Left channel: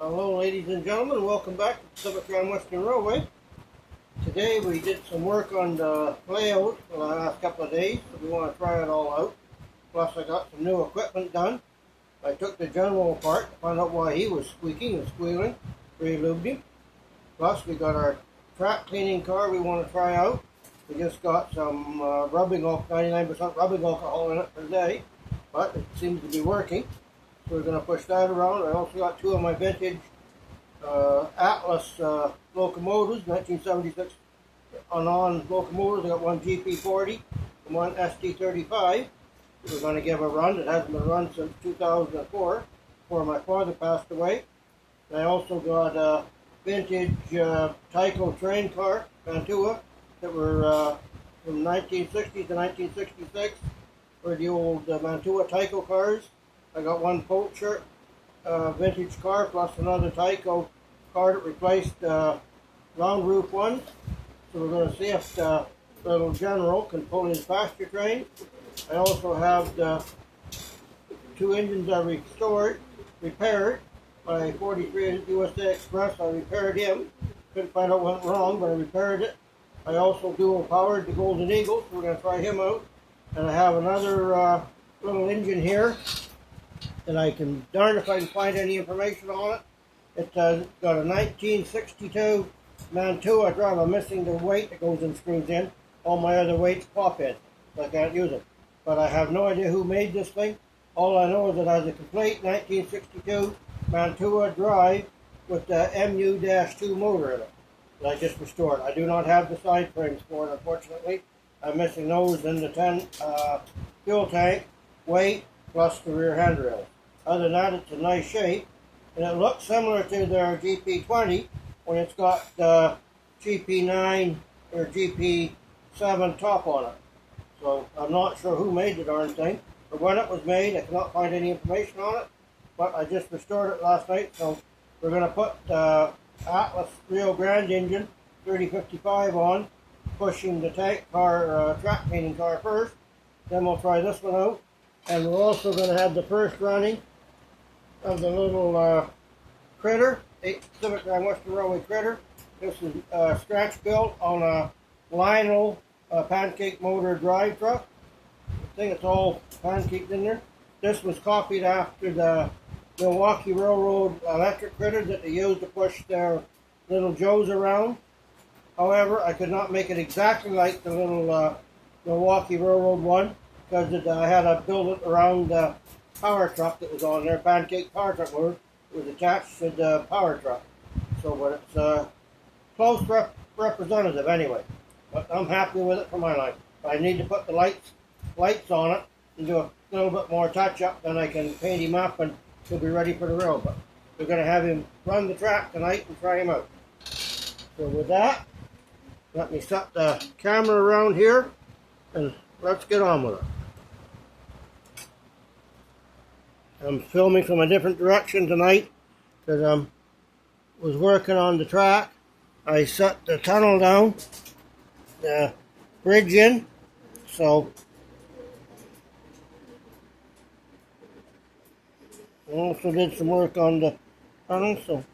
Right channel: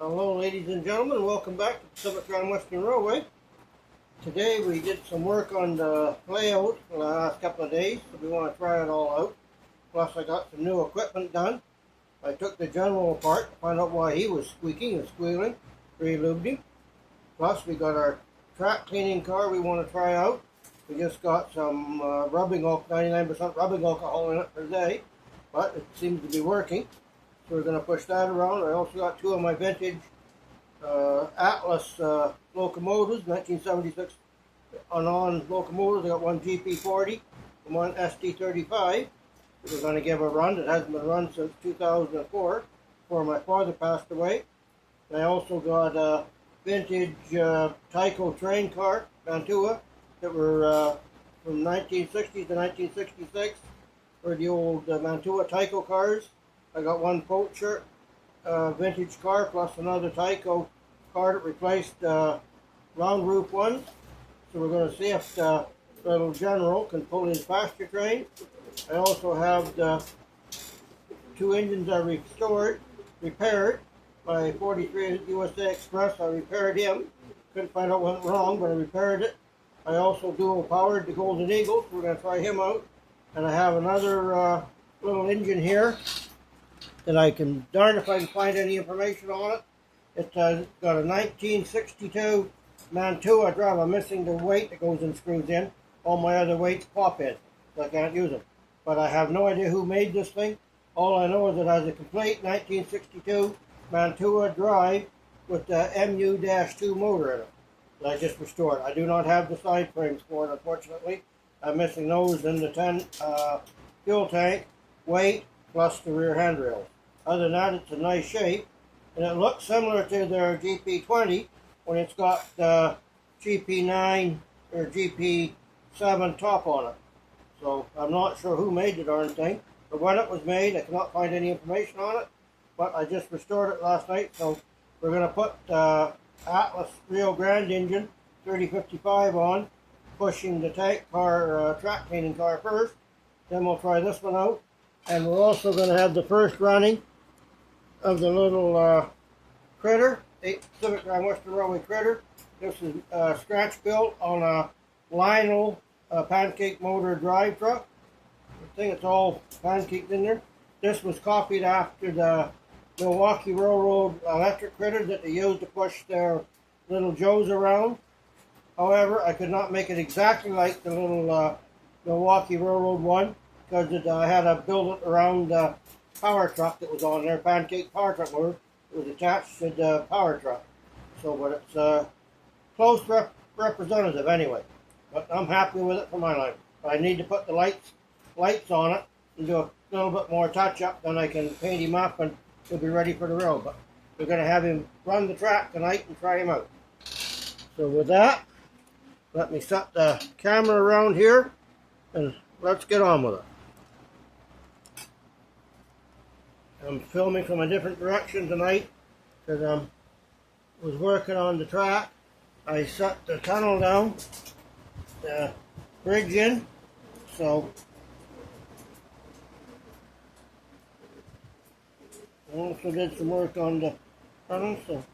Hello ladies and gentlemen, welcome back to Pacific Grand Western Railway. Today we did some work on the layout for the last couple of days, so we want to try it all out. Plus I got some new equipment done. I took the general apart to find out why he was squeaking and squealing, re-lubed him. Plus we got our track cleaning car we want to try out. We just got some rubbing alcohol, 99% rubbing alcohol in it per day, but it seems to be working. So we're going to push that around. I also got two of my vintage Atlas locomotives, 1976 on locomotives. I got one GP40 and one ST35. We're going to give a run. It hasn't been run since 2004, before my father passed away. And I also got a vintage Tyco train car, Mantua, that were from 1960 to 1966, were the old Mantua Tyco cars. I got one Poacher vintage car plus another Tyco car that replaced round roof ones. So we're going to see if the little General can pull his pasture train. I also have the two engines I repaired by 43 USA Express. I repaired him. Couldn't find out what went wrong, but I repaired it. I also dual powered the Golden Eagle, so we're going to try him out. And I have another little engine here that I can, darn if I can find any information on it. It's got a 1962 Mantua. I'm missing the weight that goes and screws in. All my other weights pop in, so I can't use them. But I have no idea who made this thing. All I know is it has a complete 1962 Mantua drive with the MU-2 motor in it that I just restored. I do not have the side frames for it, unfortunately. I'm missing those in the 10 fuel tank, weight, plus the rear handrails. Other than that, it's in nice shape. And it looks similar to their GP20 when it's got the GP9 or GP7 top on it. So I'm not sure who made the darn thing. But when it was made, I cannot find any information on it. But I just restored it last night. So we're going to put the Atlas Rio Grande engine 3055 on, pushing the tank car, track cleaning car first. Then we'll try this one out. And we're also going to have the first running of the little critter, Pacific Grand Western Railway critter. This is scratch built on a Lionel pancake motor drive truck. I think it's all pancaked in there. This was copied after the Milwaukee Railroad electric critter that they used to push their little Joes around. However, I could not make it exactly like the little Milwaukee Railroad one, because I had to build it around the power truck that was on there, pancake power truck motor. It was attached to the power truck. So, but it's a close representative anyway. But I'm happy with it for my line. But I need to put the lights on it and do a little bit more touch up, then I can paint him up and he'll be ready for the road. But we're going to have him run the track tonight and try him out. So with that, let me set the camera around here and let's get on with it. I'm filming from a different direction tonight because I was working on the track. I set the tunnel down, the bridge in, so I also did some work on the tunnel, so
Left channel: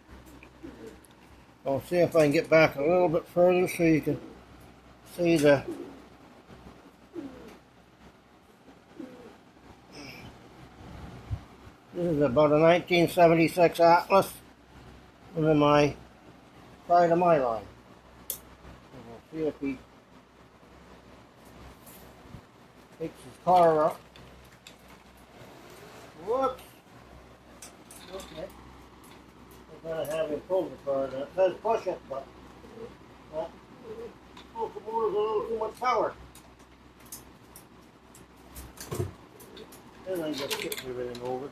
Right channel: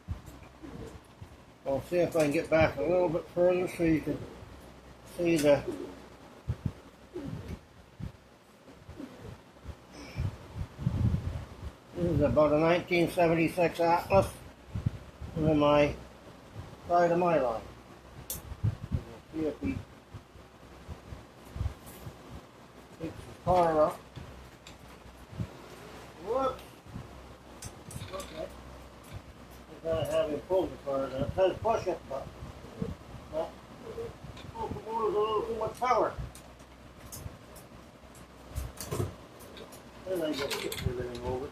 I'll see if I can get back a little bit further so you can see the This is about a 1976 Atlas, and then my side of my line. We'll see if he takes his car up. Whoops! Okay. I've got to have him pull the car. It says push it, but that locomotive's a little too much power. Then I just kick everything over.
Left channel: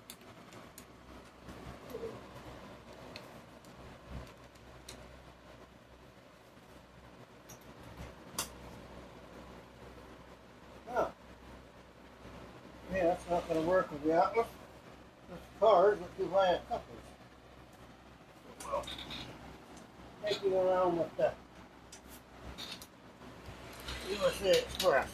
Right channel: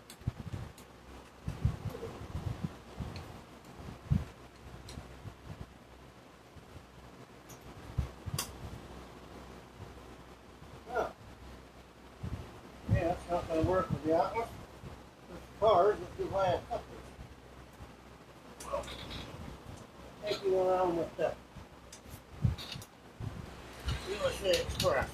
Yeah, that's not going to work with the Atlas. With cars, it's too high a couplers. Taking around with the USA Express.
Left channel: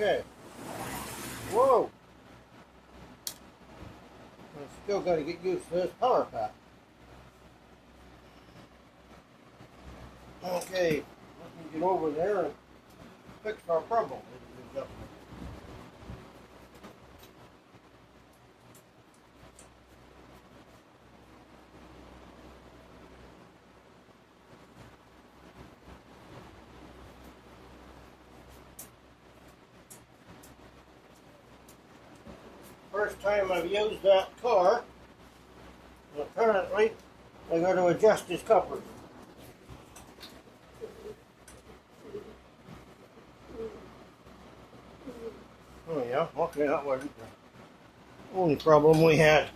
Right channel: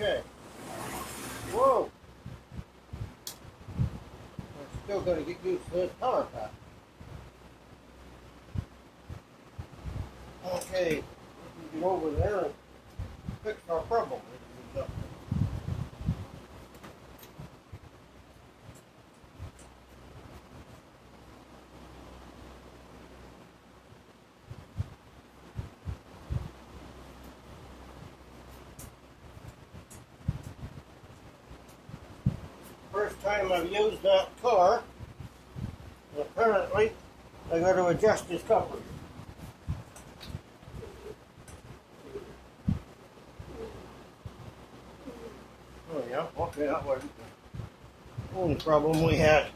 Okay. Whoa. I'm still got to get used to this color pack. Okay. Let me get over there and fix our problem. First time I've used that color, apparently I got to adjust his coupler. Oh yeah, okay, that wasn't the only problem we had.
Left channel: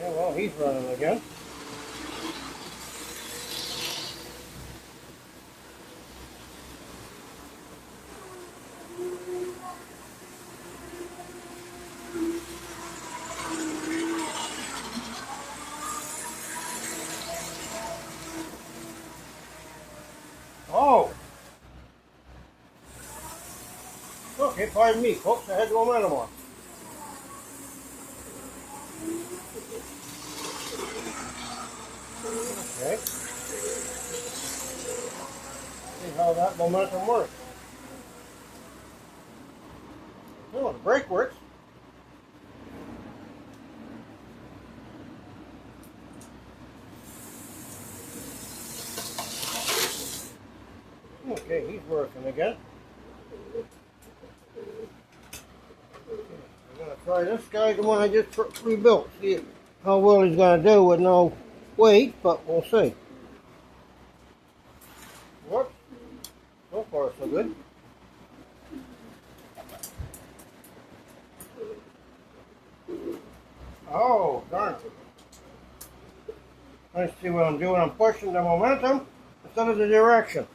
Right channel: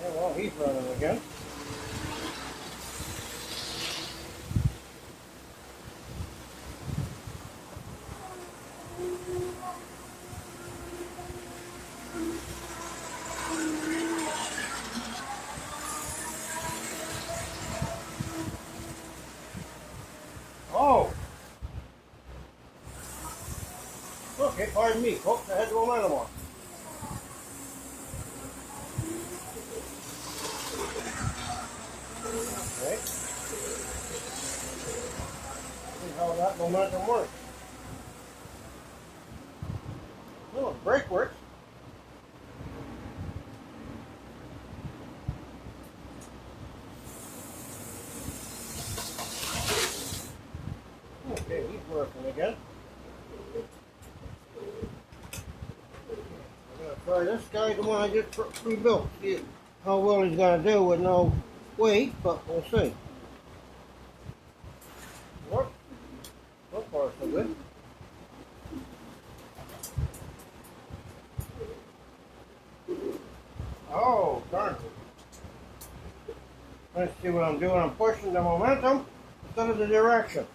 Yeah, well, he's running again. Oh! Okay, pardon me, folks, I had the momentum on. Okay. See how that momentum works. Oh, the brake works. Okay, he's working again. I'm going to try this guy, the one I just rebuilt. See how well he's going to do with no weight, but we'll see. What? So far, so good. Oh, darn it. Let's see what I'm doing. I'm pushing the momentum instead of the direction.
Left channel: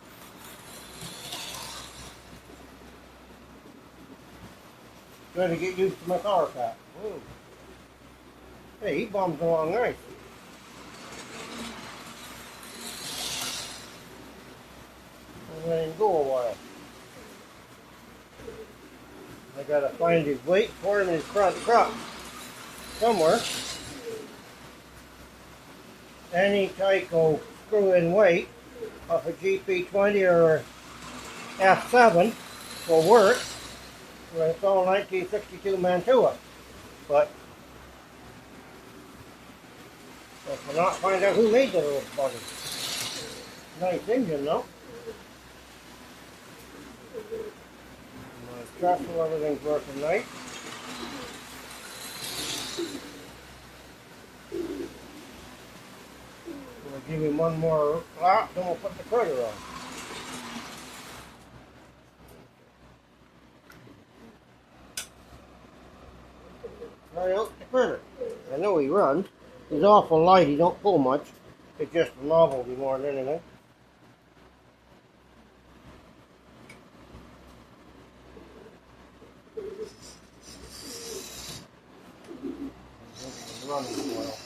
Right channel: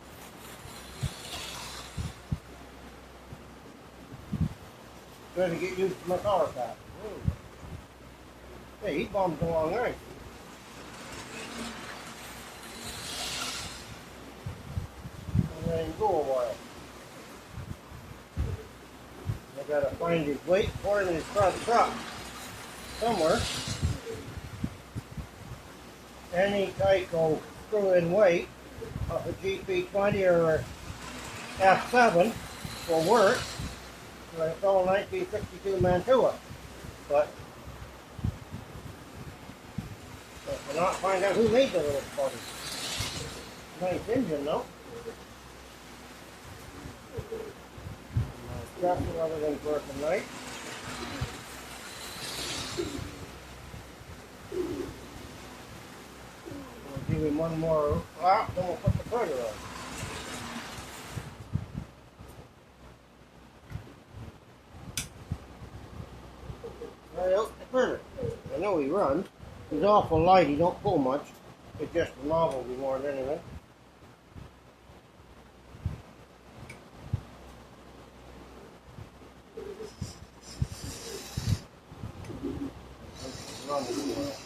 Trying to get used to my power pack. Hey, he bumps along nice. And let him go a while. I gotta find his weight for him in his front truck. Somewhere. Any Tyco screw-in weight of a GP20 or F7 will work. It's all 1962 Mantua. But I cannot find out who made the little buggy. Nice engine though. My truck and everything's working nice. I'll give him one more lap and we'll put the cutter on. Try out the critter. I know he runs. He's awful light, he don't pull much. It's just a novelty more than anything. Running well.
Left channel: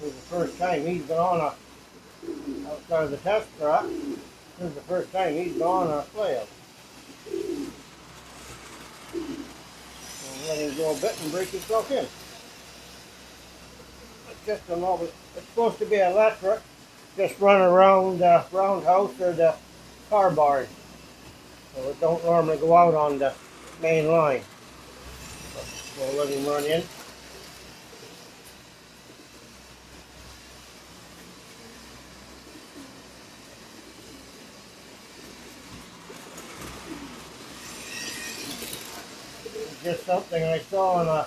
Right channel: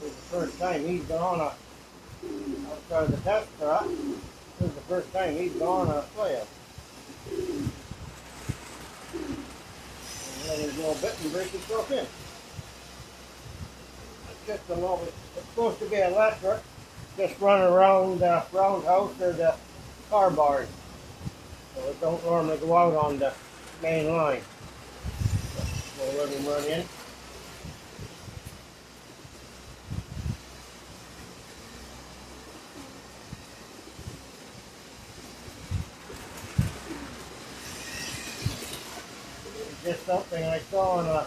This is the first time he's gone outside of the test track. This is the first time he's gone on a flail. And go a bit and break yourself in. It's just a little bit, it's supposed to be electric. Just run around the roundhouse or the car barn. So it don't normally go out on the main line. So let him run in. Just something I saw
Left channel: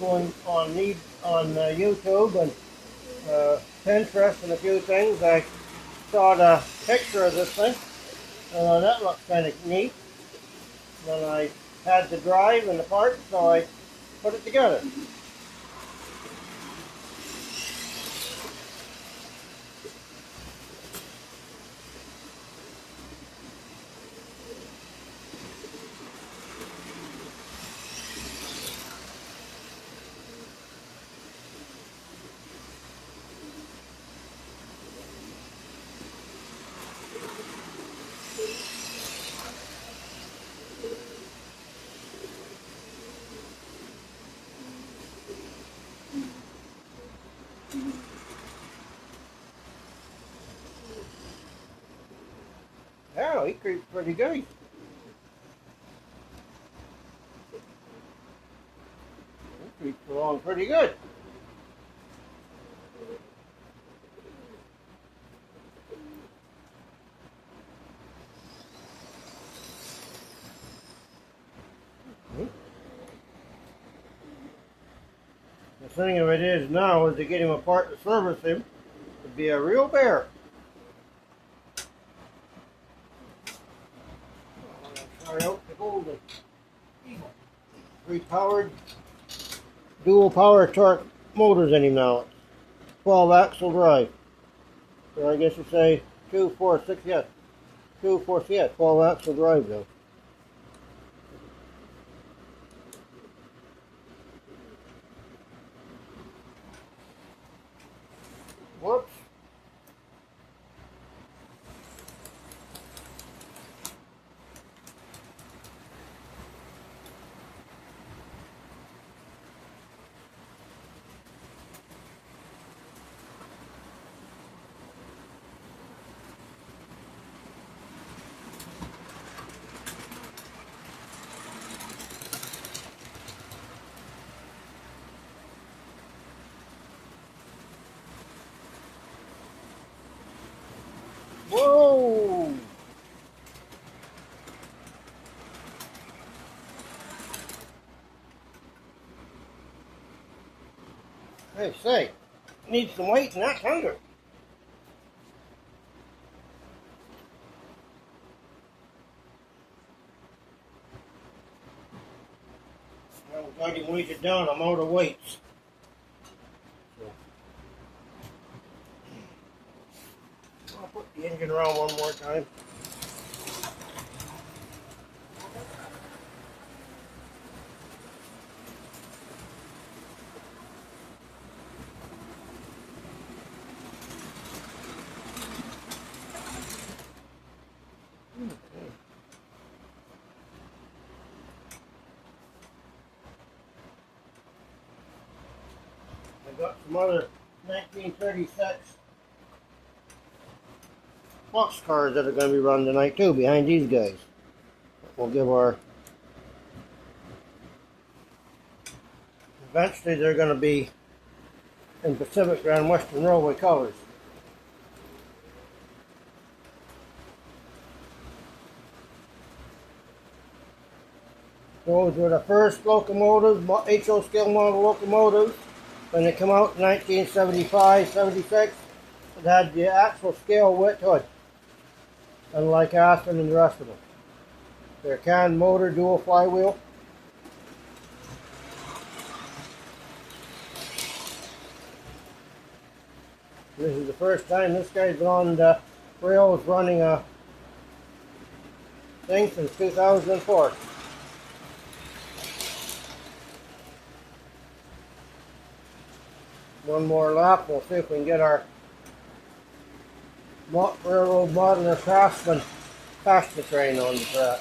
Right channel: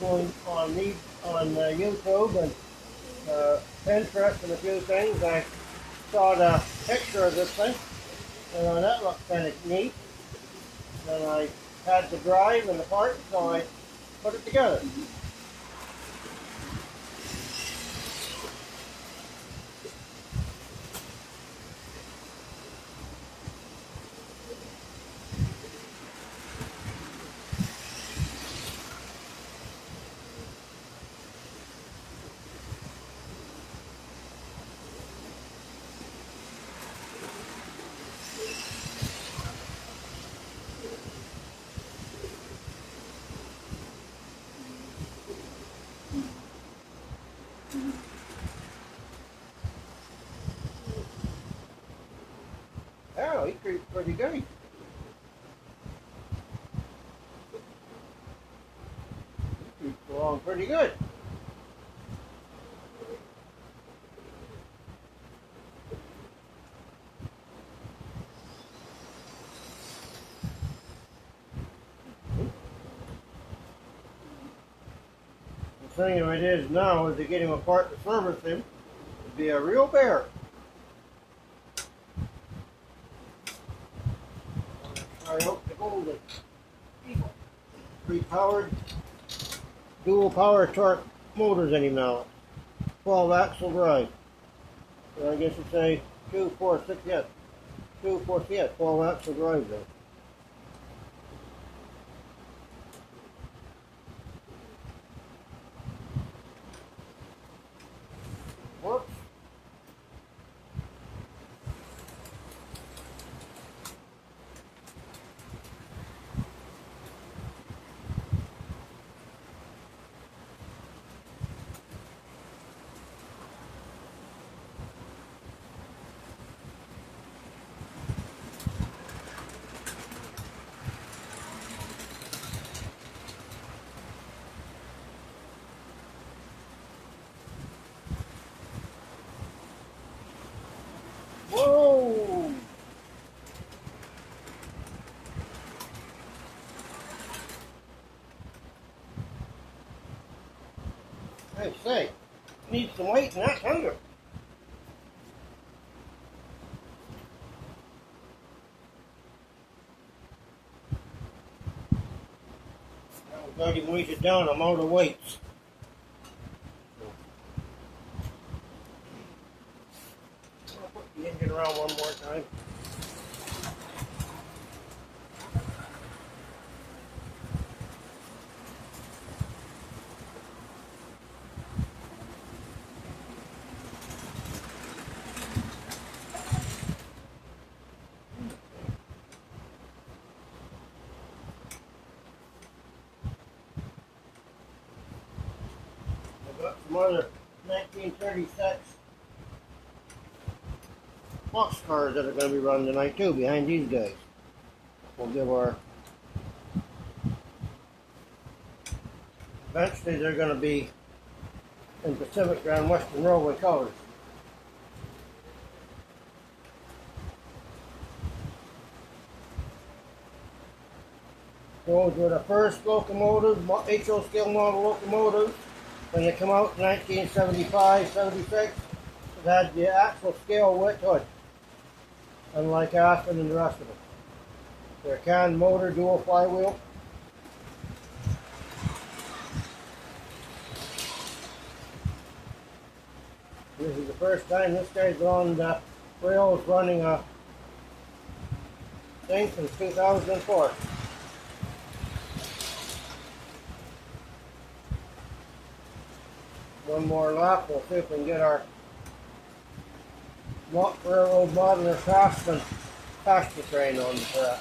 on YouTube and Pinterest and a few things. I saw the picture of this thing, and that looked kind of neat. And I had the drive and the part, so I put it together. Oh, he creeps pretty good. He creeps along pretty good. The thing of it is now is to get him apart to service him would be a real bear. I hope the Golden Eagle. 3-powered dual power torque motors in him now. 12 axle drive. So I guess you'd say 2, 4, 6, yes. 2, 4, yeah, 12 axle drive there. Whoops. Whoa! Hey, say, needs some weight and that's hunger. I'm glad he weighs it down. I'm out of weights. I'll put the engine around one more time. I got some other 1936 box cars that are going to be run tonight too, behind these guys. We'll give our... Eventually they're going to be in Pacific Grand Western Railway colors. Those were the first locomotives, HO scale model locomotives. When they come out in 1975, 76, it had the actual scale width hood, unlike Aspen and the rest of it. They're can motor, dual flywheel. This is the first time this guy's on the rails running a thing since 2004. One more lap, we'll see if we can get our railroad modeler Craftsman pasture train on the track.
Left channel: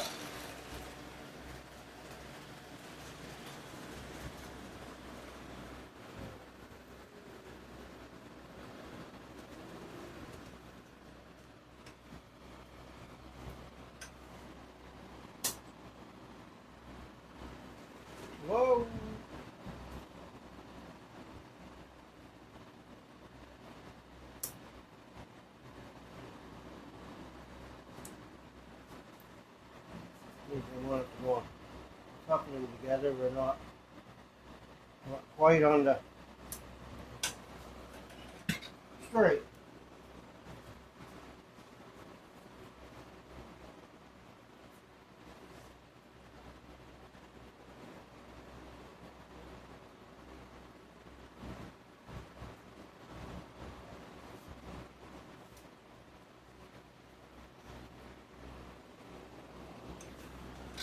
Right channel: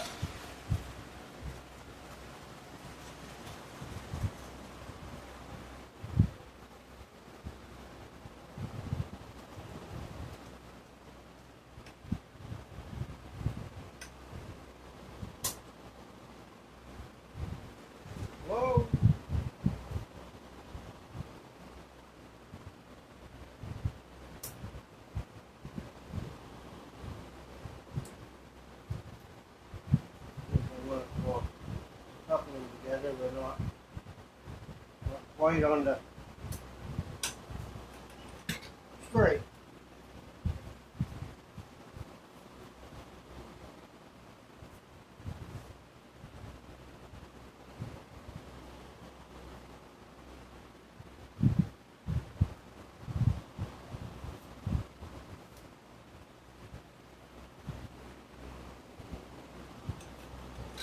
they were not quite on the straight.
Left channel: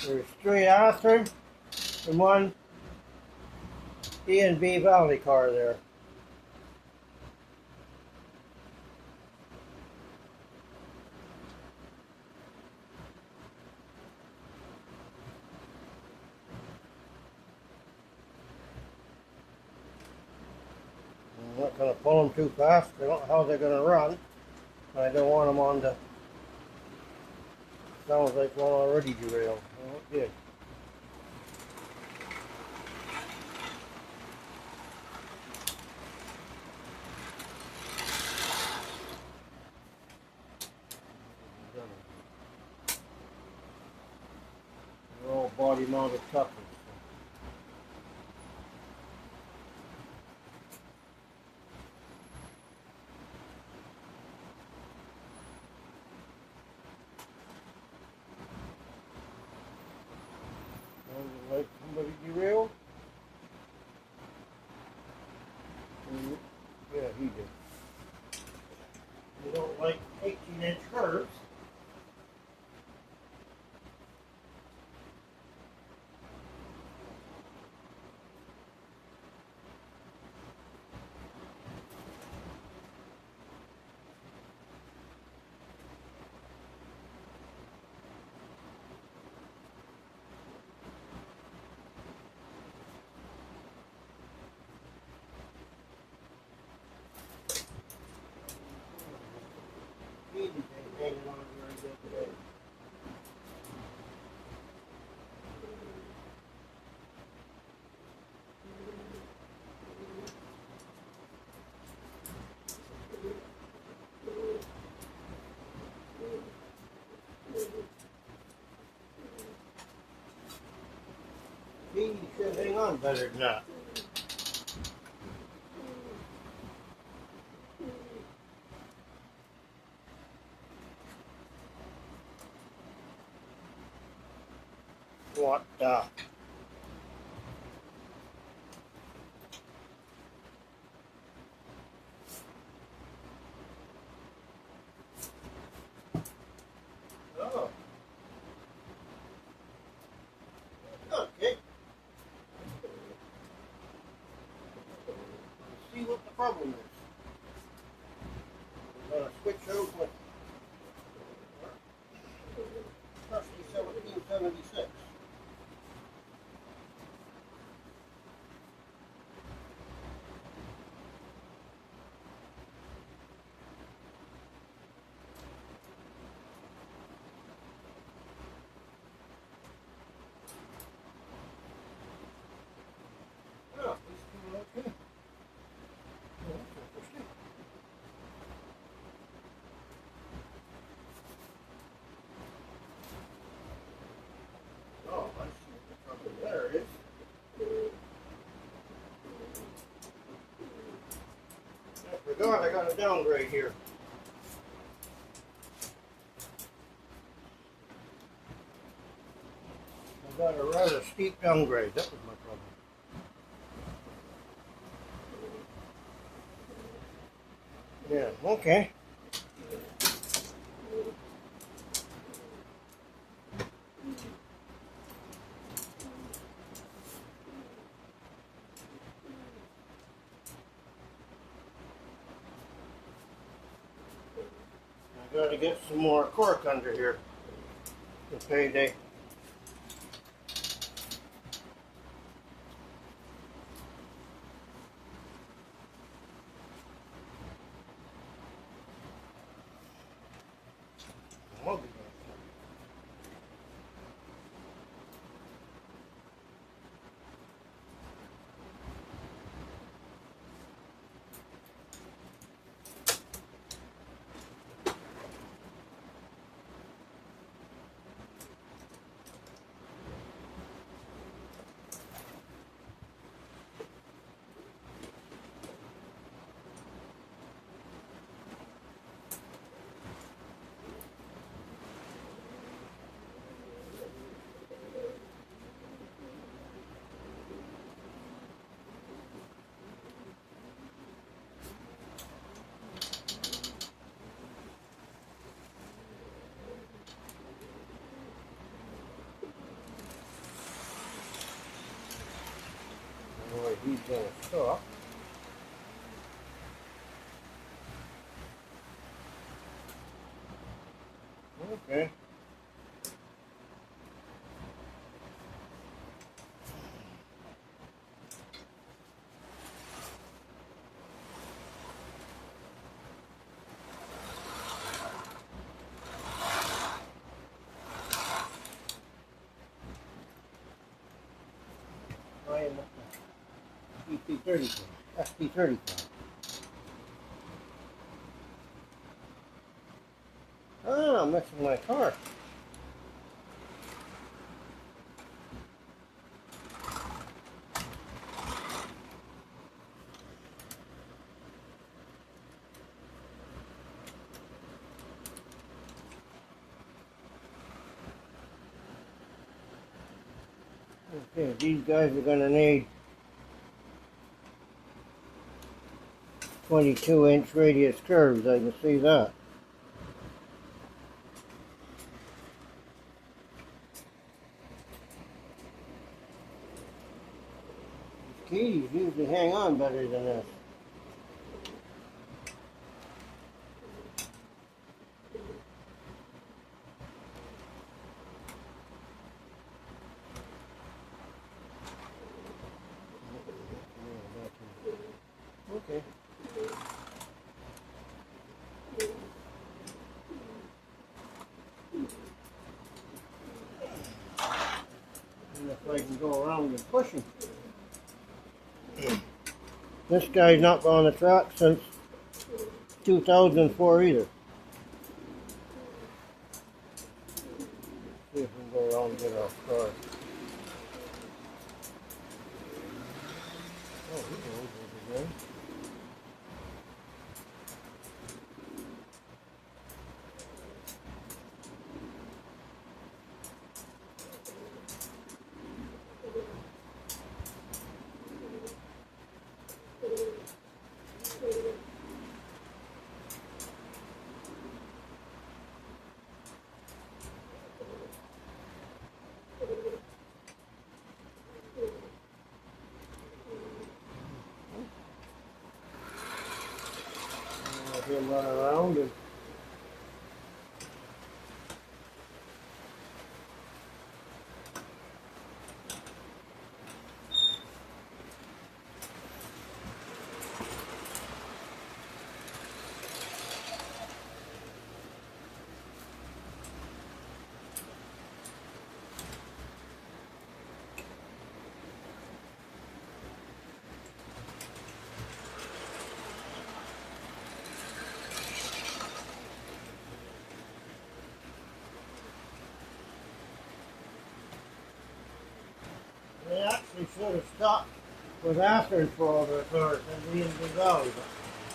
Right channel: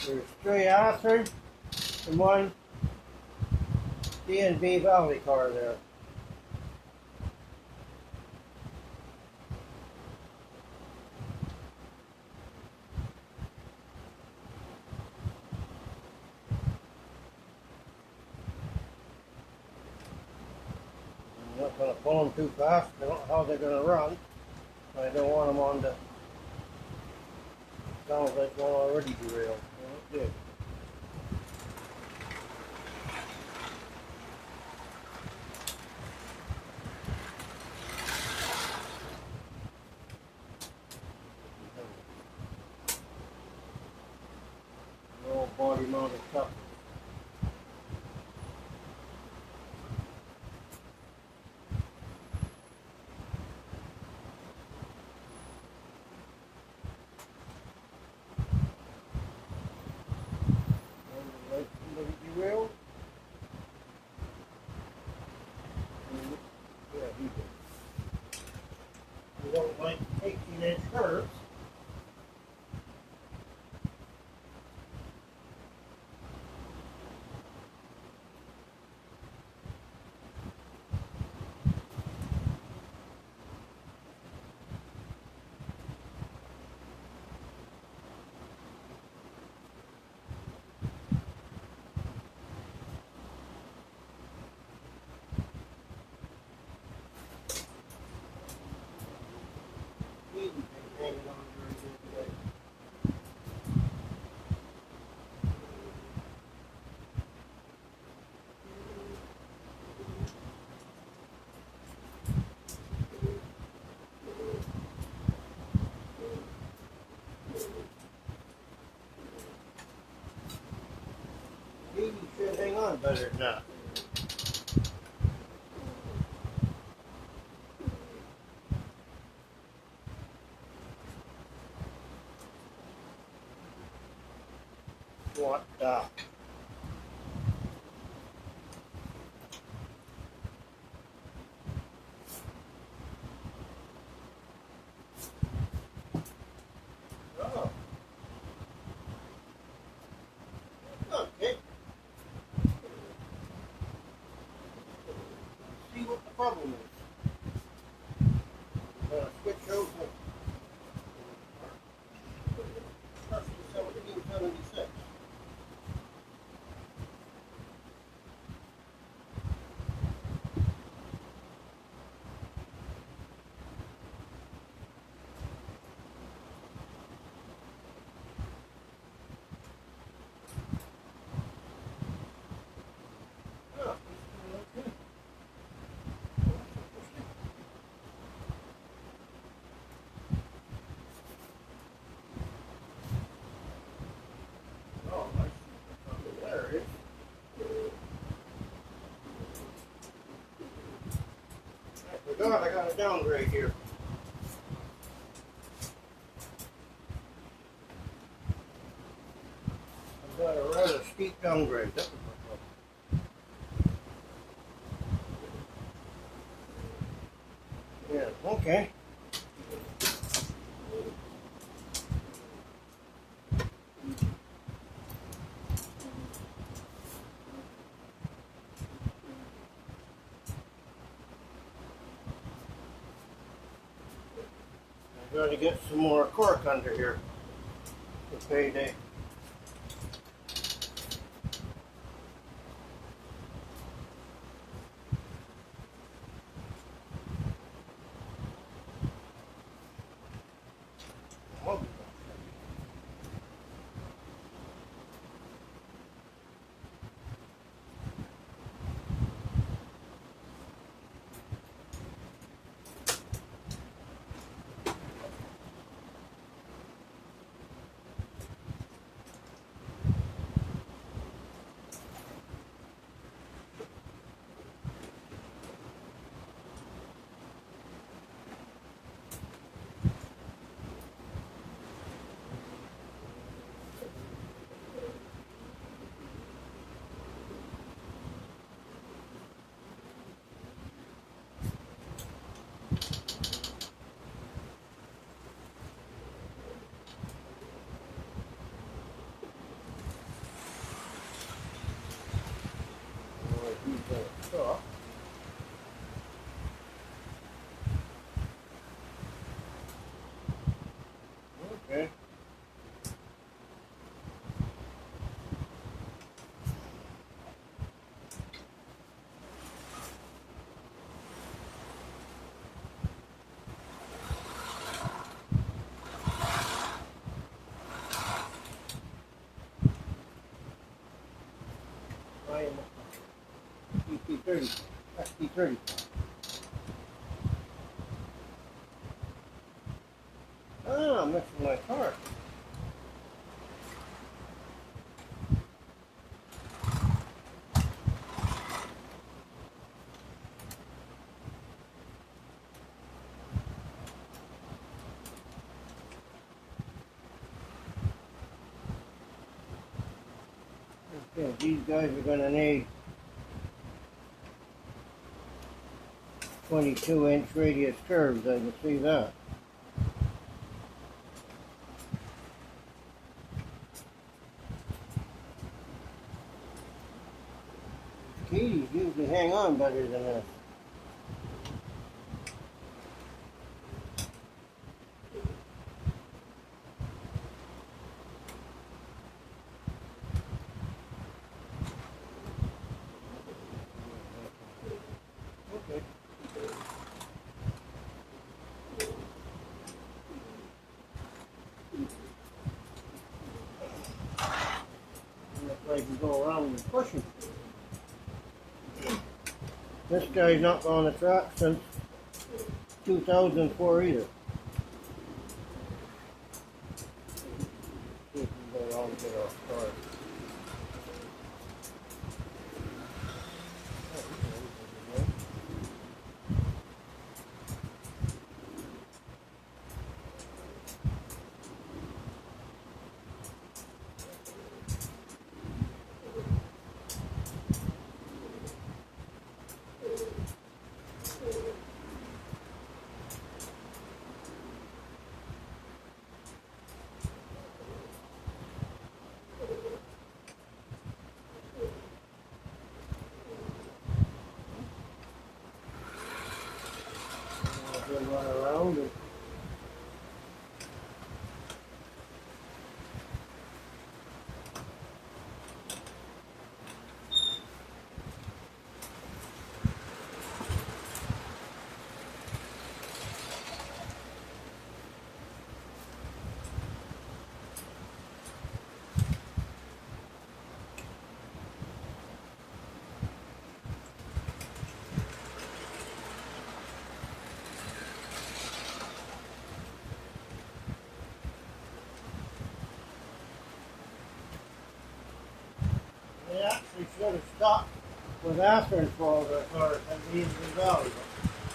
There's 3 Arthur and 1 D&B Valley car there. I'm not going to pull them too fast. I don't know how they're going to run. I don't want them on the... Sounds like one already derailed. Well, it did. The old body mounted couple. Like somebody derailed? Yeah, he did. We don't like 18-inch curves. He's been hanging on very good today. He should hang on better than that. What the? Oh. Okay. Let's see what the problem is. We're going to switch over. That's the 1776. Oh, it's doing okay. Well, that's interesting. Oh, I see what the problem there is. I forgot I got a downgrade here. I got a rather steep downgrade. That was my problem. Yeah, okay. I gotta get some more cork under here for payday. I'll be back. off. Okay. I am EP30, SP30. Ah, I'm messing my car. Okay, these guys are going to need 22-inch radius curves, I can see that. Keys usually hang on better than this. Okay. And if I can go around and push him. This guy's not on the track since 2004 either. See if we can go around and get off guard. Run around and they actually should have stopped with Athearn for all their cars and these resolved.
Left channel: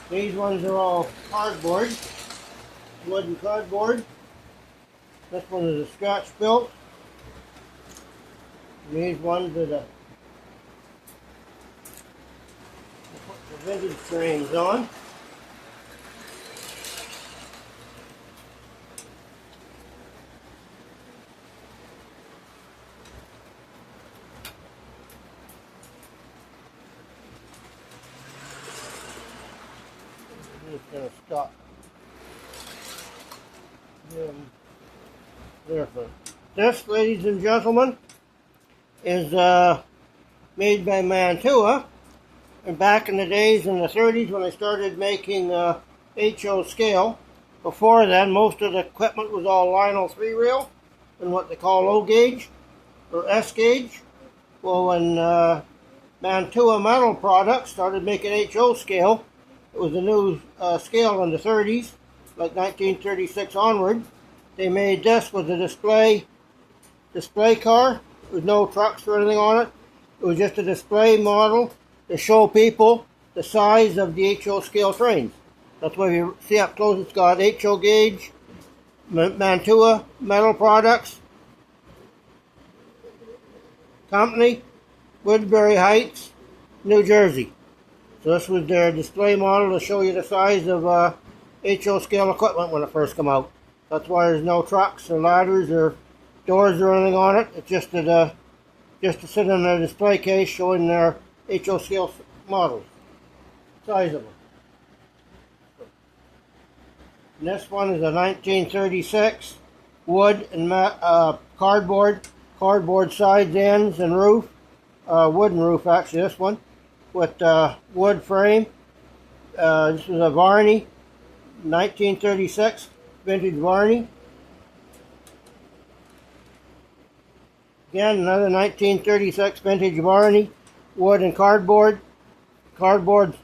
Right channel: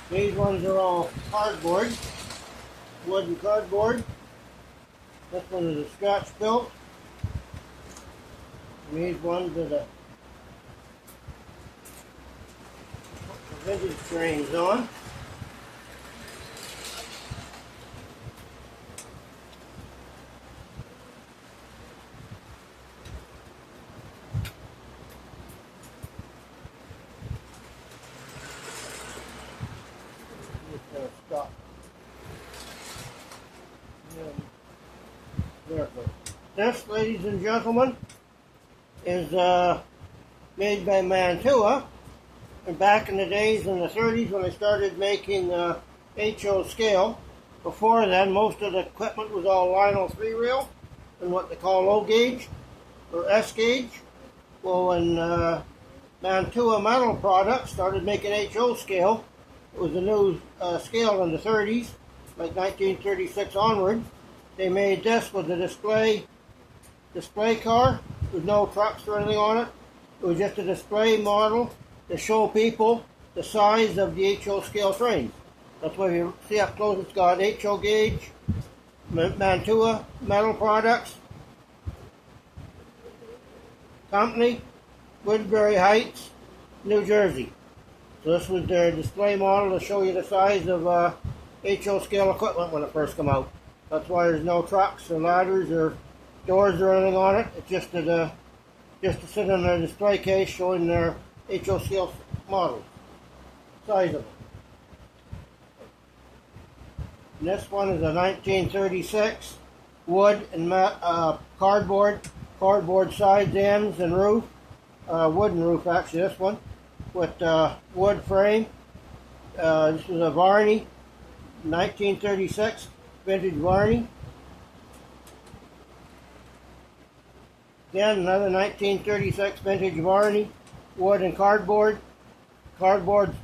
These ones are all cardboard, wooden cardboard. This one is a Scotch built. And these ones are the vintage frames on. Just going to stop. There. This, ladies and gentlemen, is made by Mantua. And back in the days in the 30s when they started making HO scale, before then most of the equipment was all Lionel 3-reel and what they call low gauge or S gauge. Well, when Mantua Metal Products started making HO scale, it was a new scale in the 30s, like 1936 onward. They made this with a display car with no trucks or anything on it. It was just a display model to show people the size of the HO scale trains. That's why you see up close it's got HO gauge, Mantua Metal Products, Company, Woodbury Heights, New Jersey. So this was their display model to show you the size of HO scale equipment when it first came out. That's why there's no trucks or ladders or doors or anything on it. It's just to sit in a display case showing their HO scale models, size of them. And this one is a 1936 wood and cardboard sides, ends, and roof. Wooden roof, actually, this one, with wood frame. This is a Varney, 1936 vintage Varney. Again, another 1936 vintage Varney, wood and cardboard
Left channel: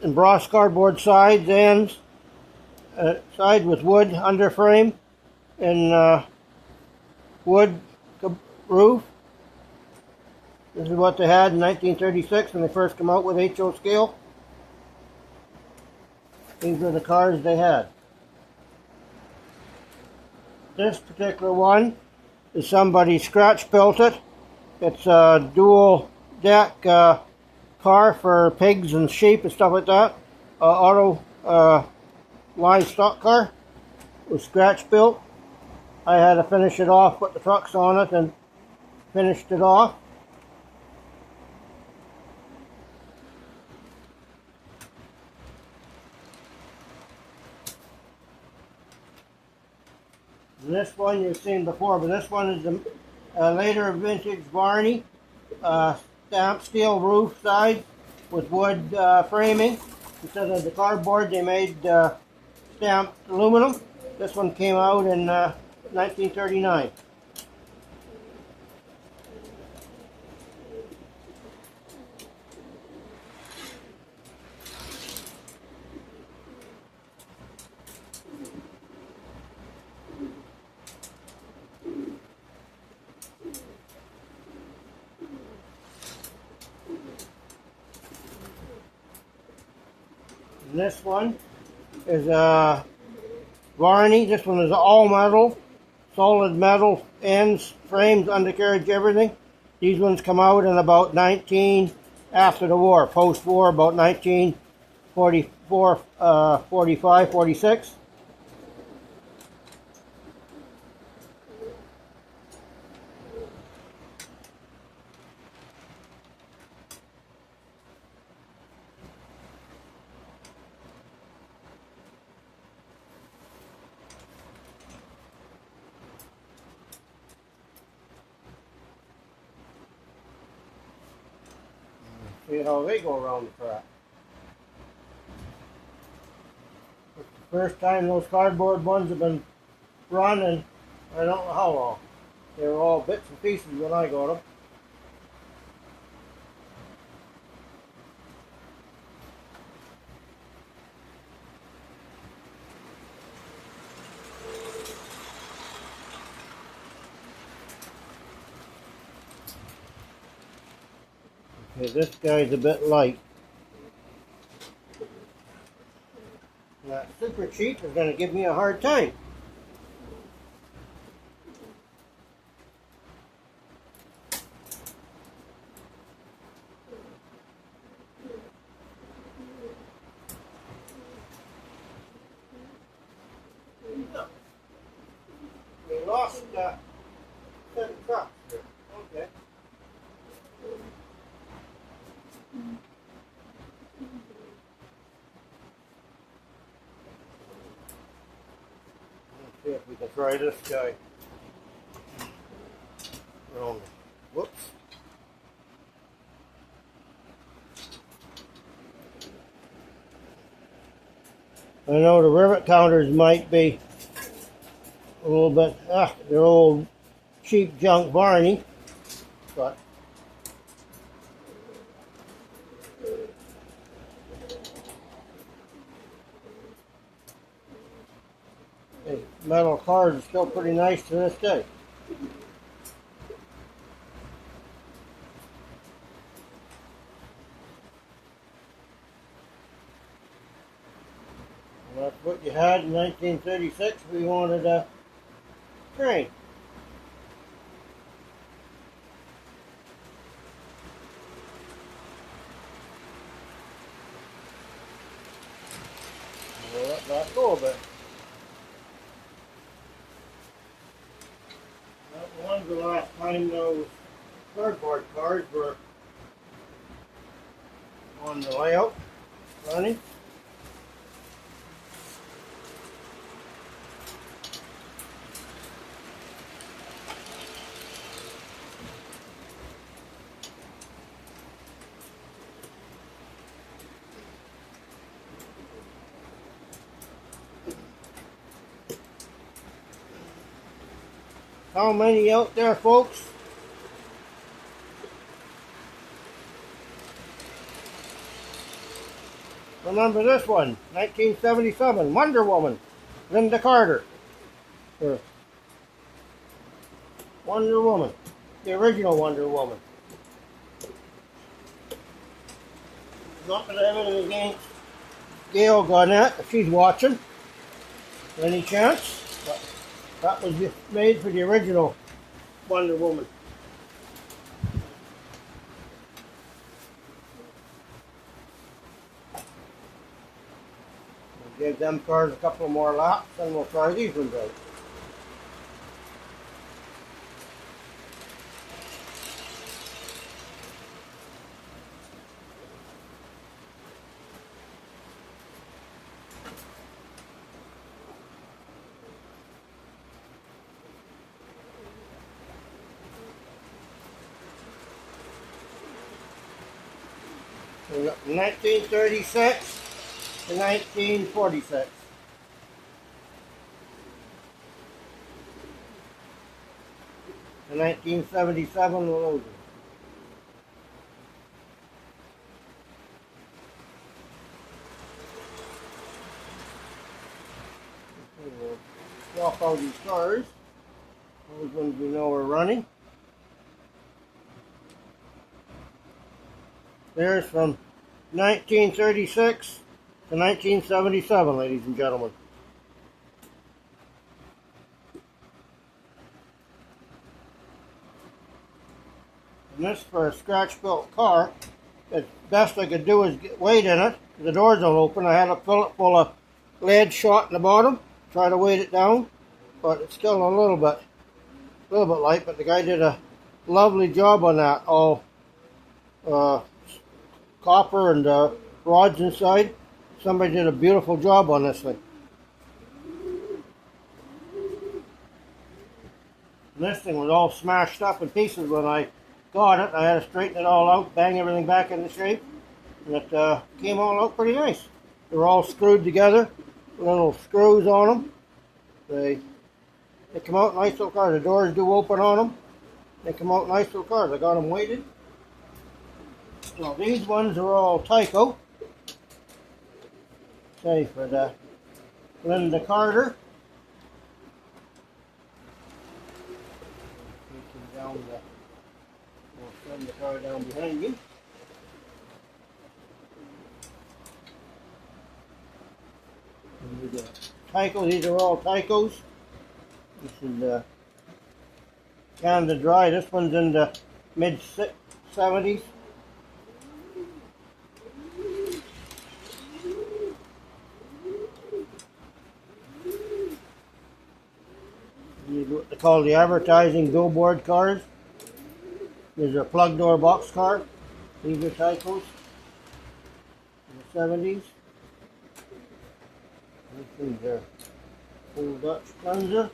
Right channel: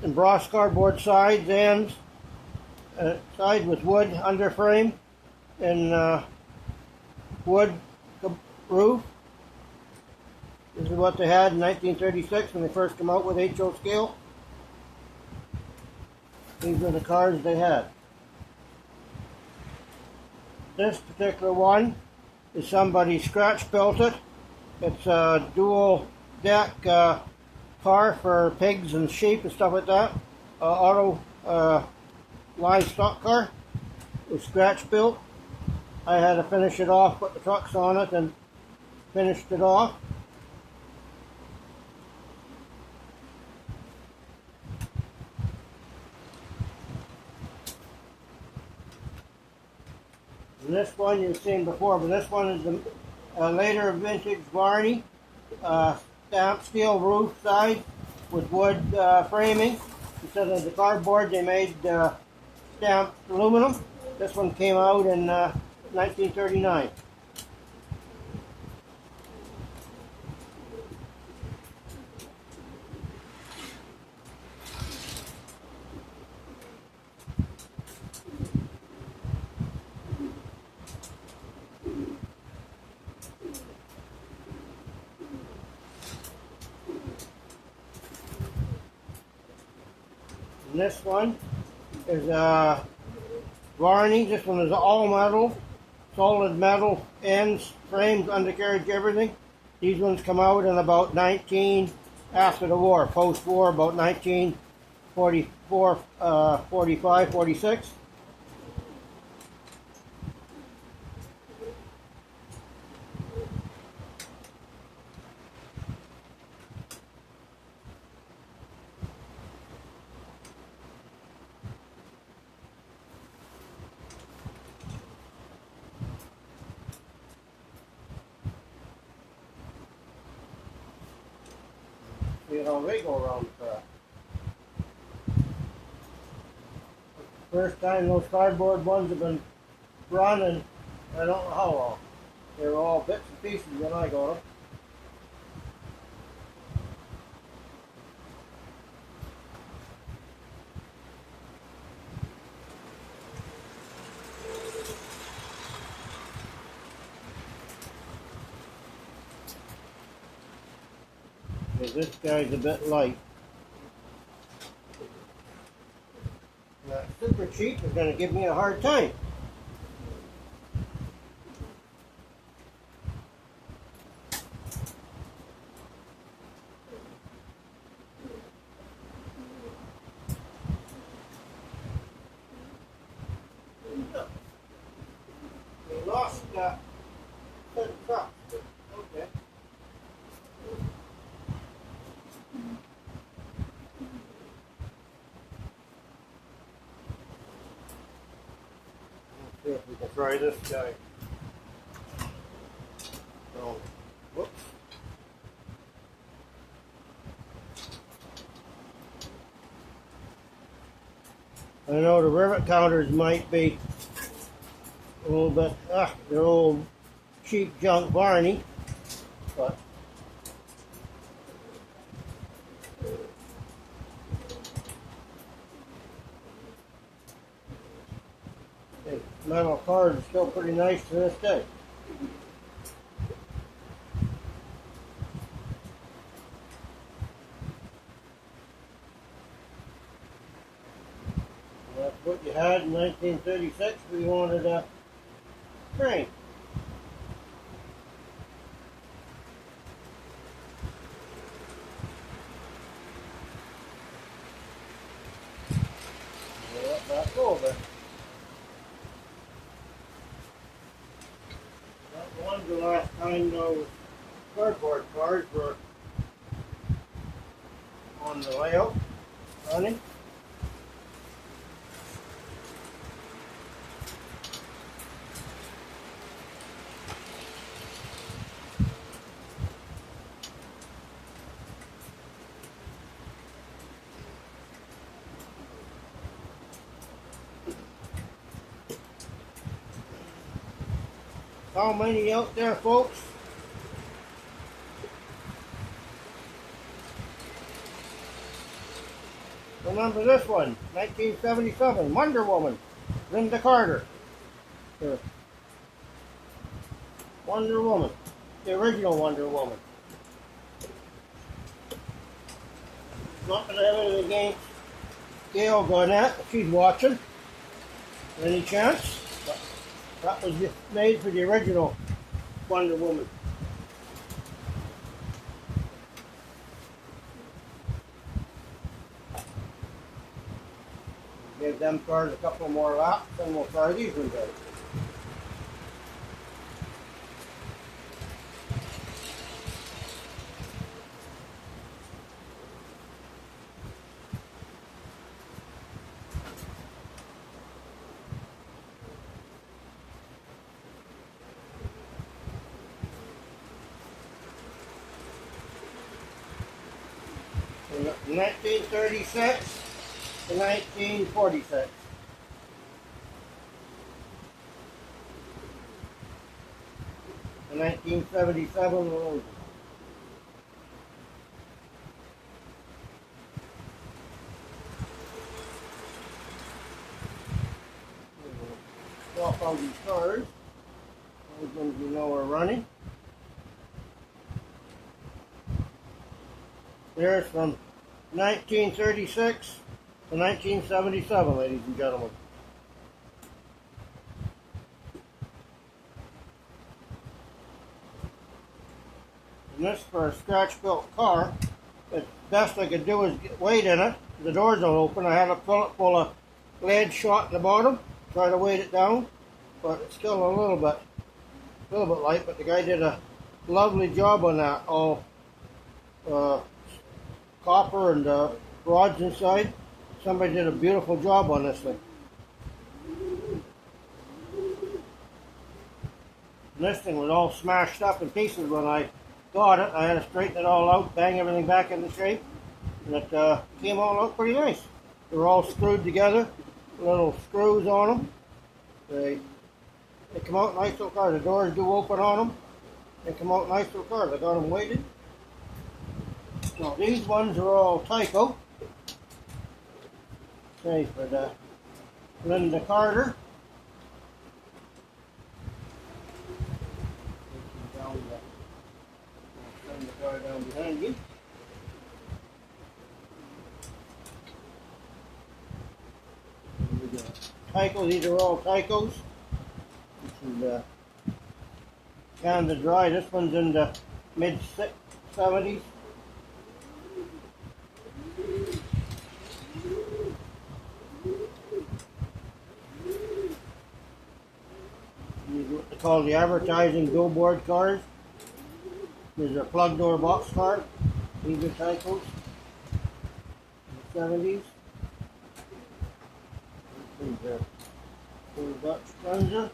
embossed cardboard sides, ends, side with wood underframe and wood roof. This is what they had in 1936 when they first came out with HO scale. These are the cars they had. This particular one is somebody scratch built it. It's a dual deck car for pigs and sheep and stuff like that. Auto livestock car. It was scratch built. I had to finish it off, put the trucks on it and finished it off. And this one you've seen before, but this one is a later vintage Varney, stamped steel roof side with wood framing. Instead of the cardboard, they made stamped aluminum. This one came out in 1939. And this one is a Varney. This one is all metal, solid metal ends, frames, undercarriage, everything. These ones come out in about after the war, post-war, about 1944, 45, 46. See how they go around the track. First time those cardboard ones have been running, I don't know how long. They were all bits and pieces when I got them. Okay, this guy's a bit light. That super cheap is going to give me a hard time. We lost 10 trucks. Okay. Let's see if we can try this guy. Oh, whoops. I know the rivet counters might be a little bit, they're old cheap junk Varney, but hey, metal cars are still pretty nice to this day. That's what you had in 1936. We wanted a crane. Yeah, that's over. That one's the last time those cardboard cars were on the layout running. How many out there, folks? Remember this one, 1977, Wonder Woman, Linda Carter. Wonder Woman, the original Wonder Woman. Not that I have anything against Gail Garnett, if she's watching. Any chance? That was made for the original Wonder Woman. We'll give them cars a couple more laps and we'll try these ones out. From 1936 to 1946. The 1977 Logan. Walk all these cars. Those ones we know are running. There's from 1936 to 1977, ladies and gentlemen. And this for a scratch-built car. The best I could do is get weight in it. The doors don't open. I had to fill it full of lead shot in the bottom. Try to weight it down, but it's still a little bit light. But the guy did a lovely job on that. All copper and rods inside. Somebody did a beautiful job on this thing. And this thing was all smashed up in pieces when I got it. I had to straighten it all out, bang everything back into shape, and it came all out pretty nice. They were all screwed together, little screws on them. They come out nice little cars. The doors do open on them. They come out nice little cars. I got them weighted. Now these ones are all Tyco. Say for the Linda Carter. We'll send the car down behind you. And we got Tyco. These are all Tycos. This is kind of dry. This one's in the mid 70s. What they call the advertising billboard cars. These are plug door box car. These are Tycos in the 70s. These are full Dutch Tundra.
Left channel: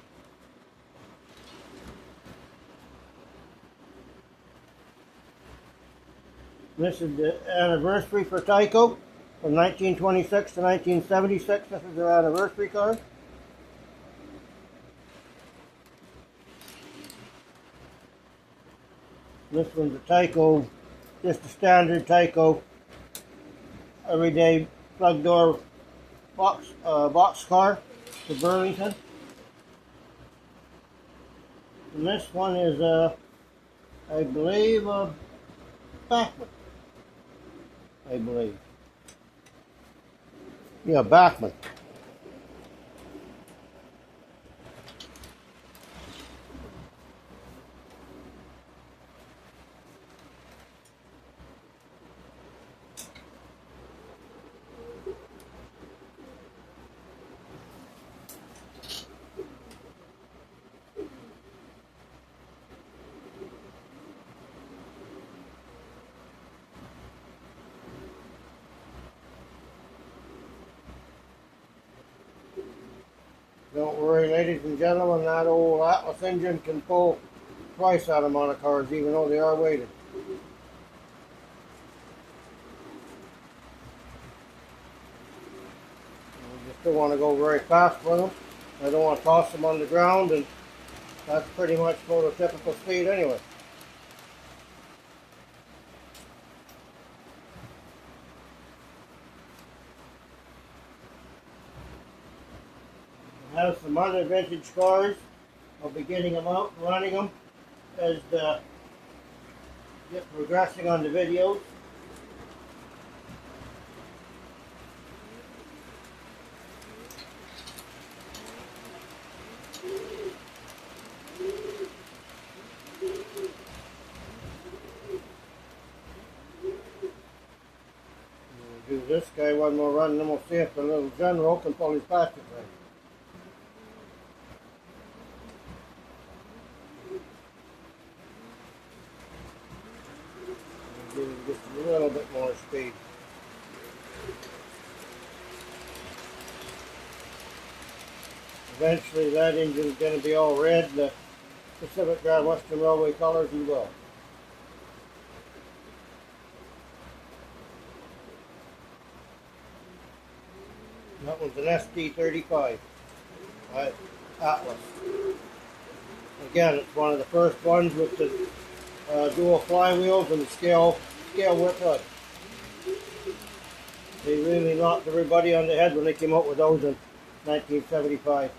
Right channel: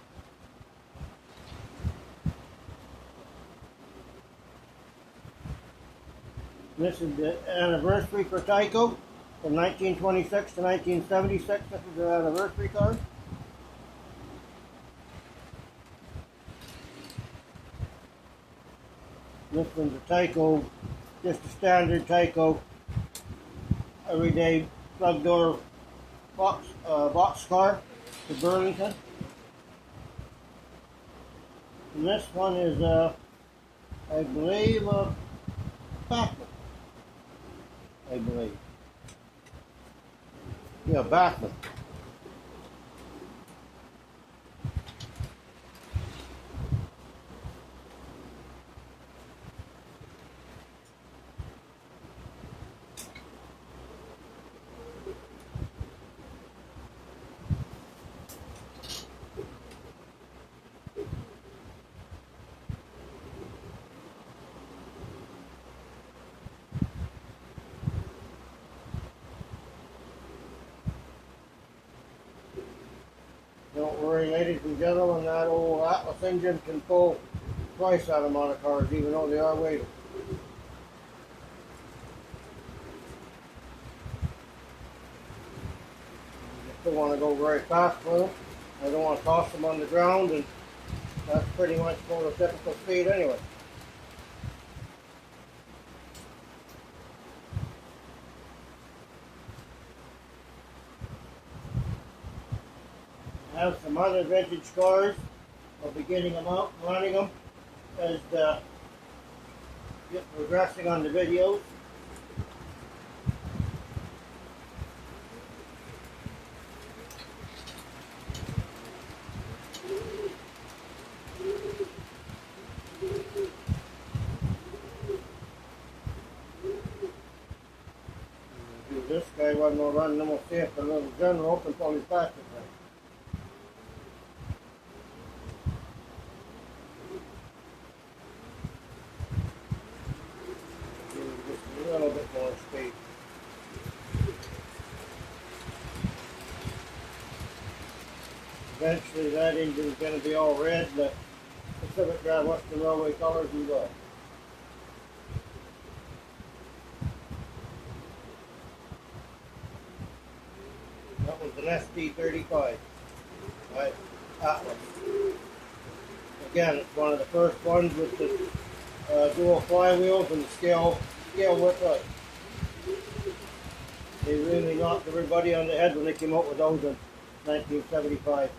This is the anniversary for Tyco from 1926 to 1976. This is their anniversary car. This one's a Tyco, just a standard Tyco, everyday plug door box car to Burlington. And this one is I believe Bachmann. I believe. Yeah, Bachmann. Don't worry, ladies and gentlemen, that old Atlas engine can pull twice that amount of cars, even though they are weighted. You still want to go very fast with them. I don't want to toss them on the ground, and that's pretty much prototypical speed anyway. I have some other vintage cars. I'll be getting them out and running them as get progressing on the videos. Do this guy one more run, then we'll see if the little general can pull his plastic right. Give him just a little bit more speed. Eventually that engine's going to be all red, the Pacific Grand Western Railway colors and go. That was an SD35 by Atlas. Again, it's one of the first ones with the dual flywheels and the scale whip up. They really knocked everybody on the head when they came out with those in 1975.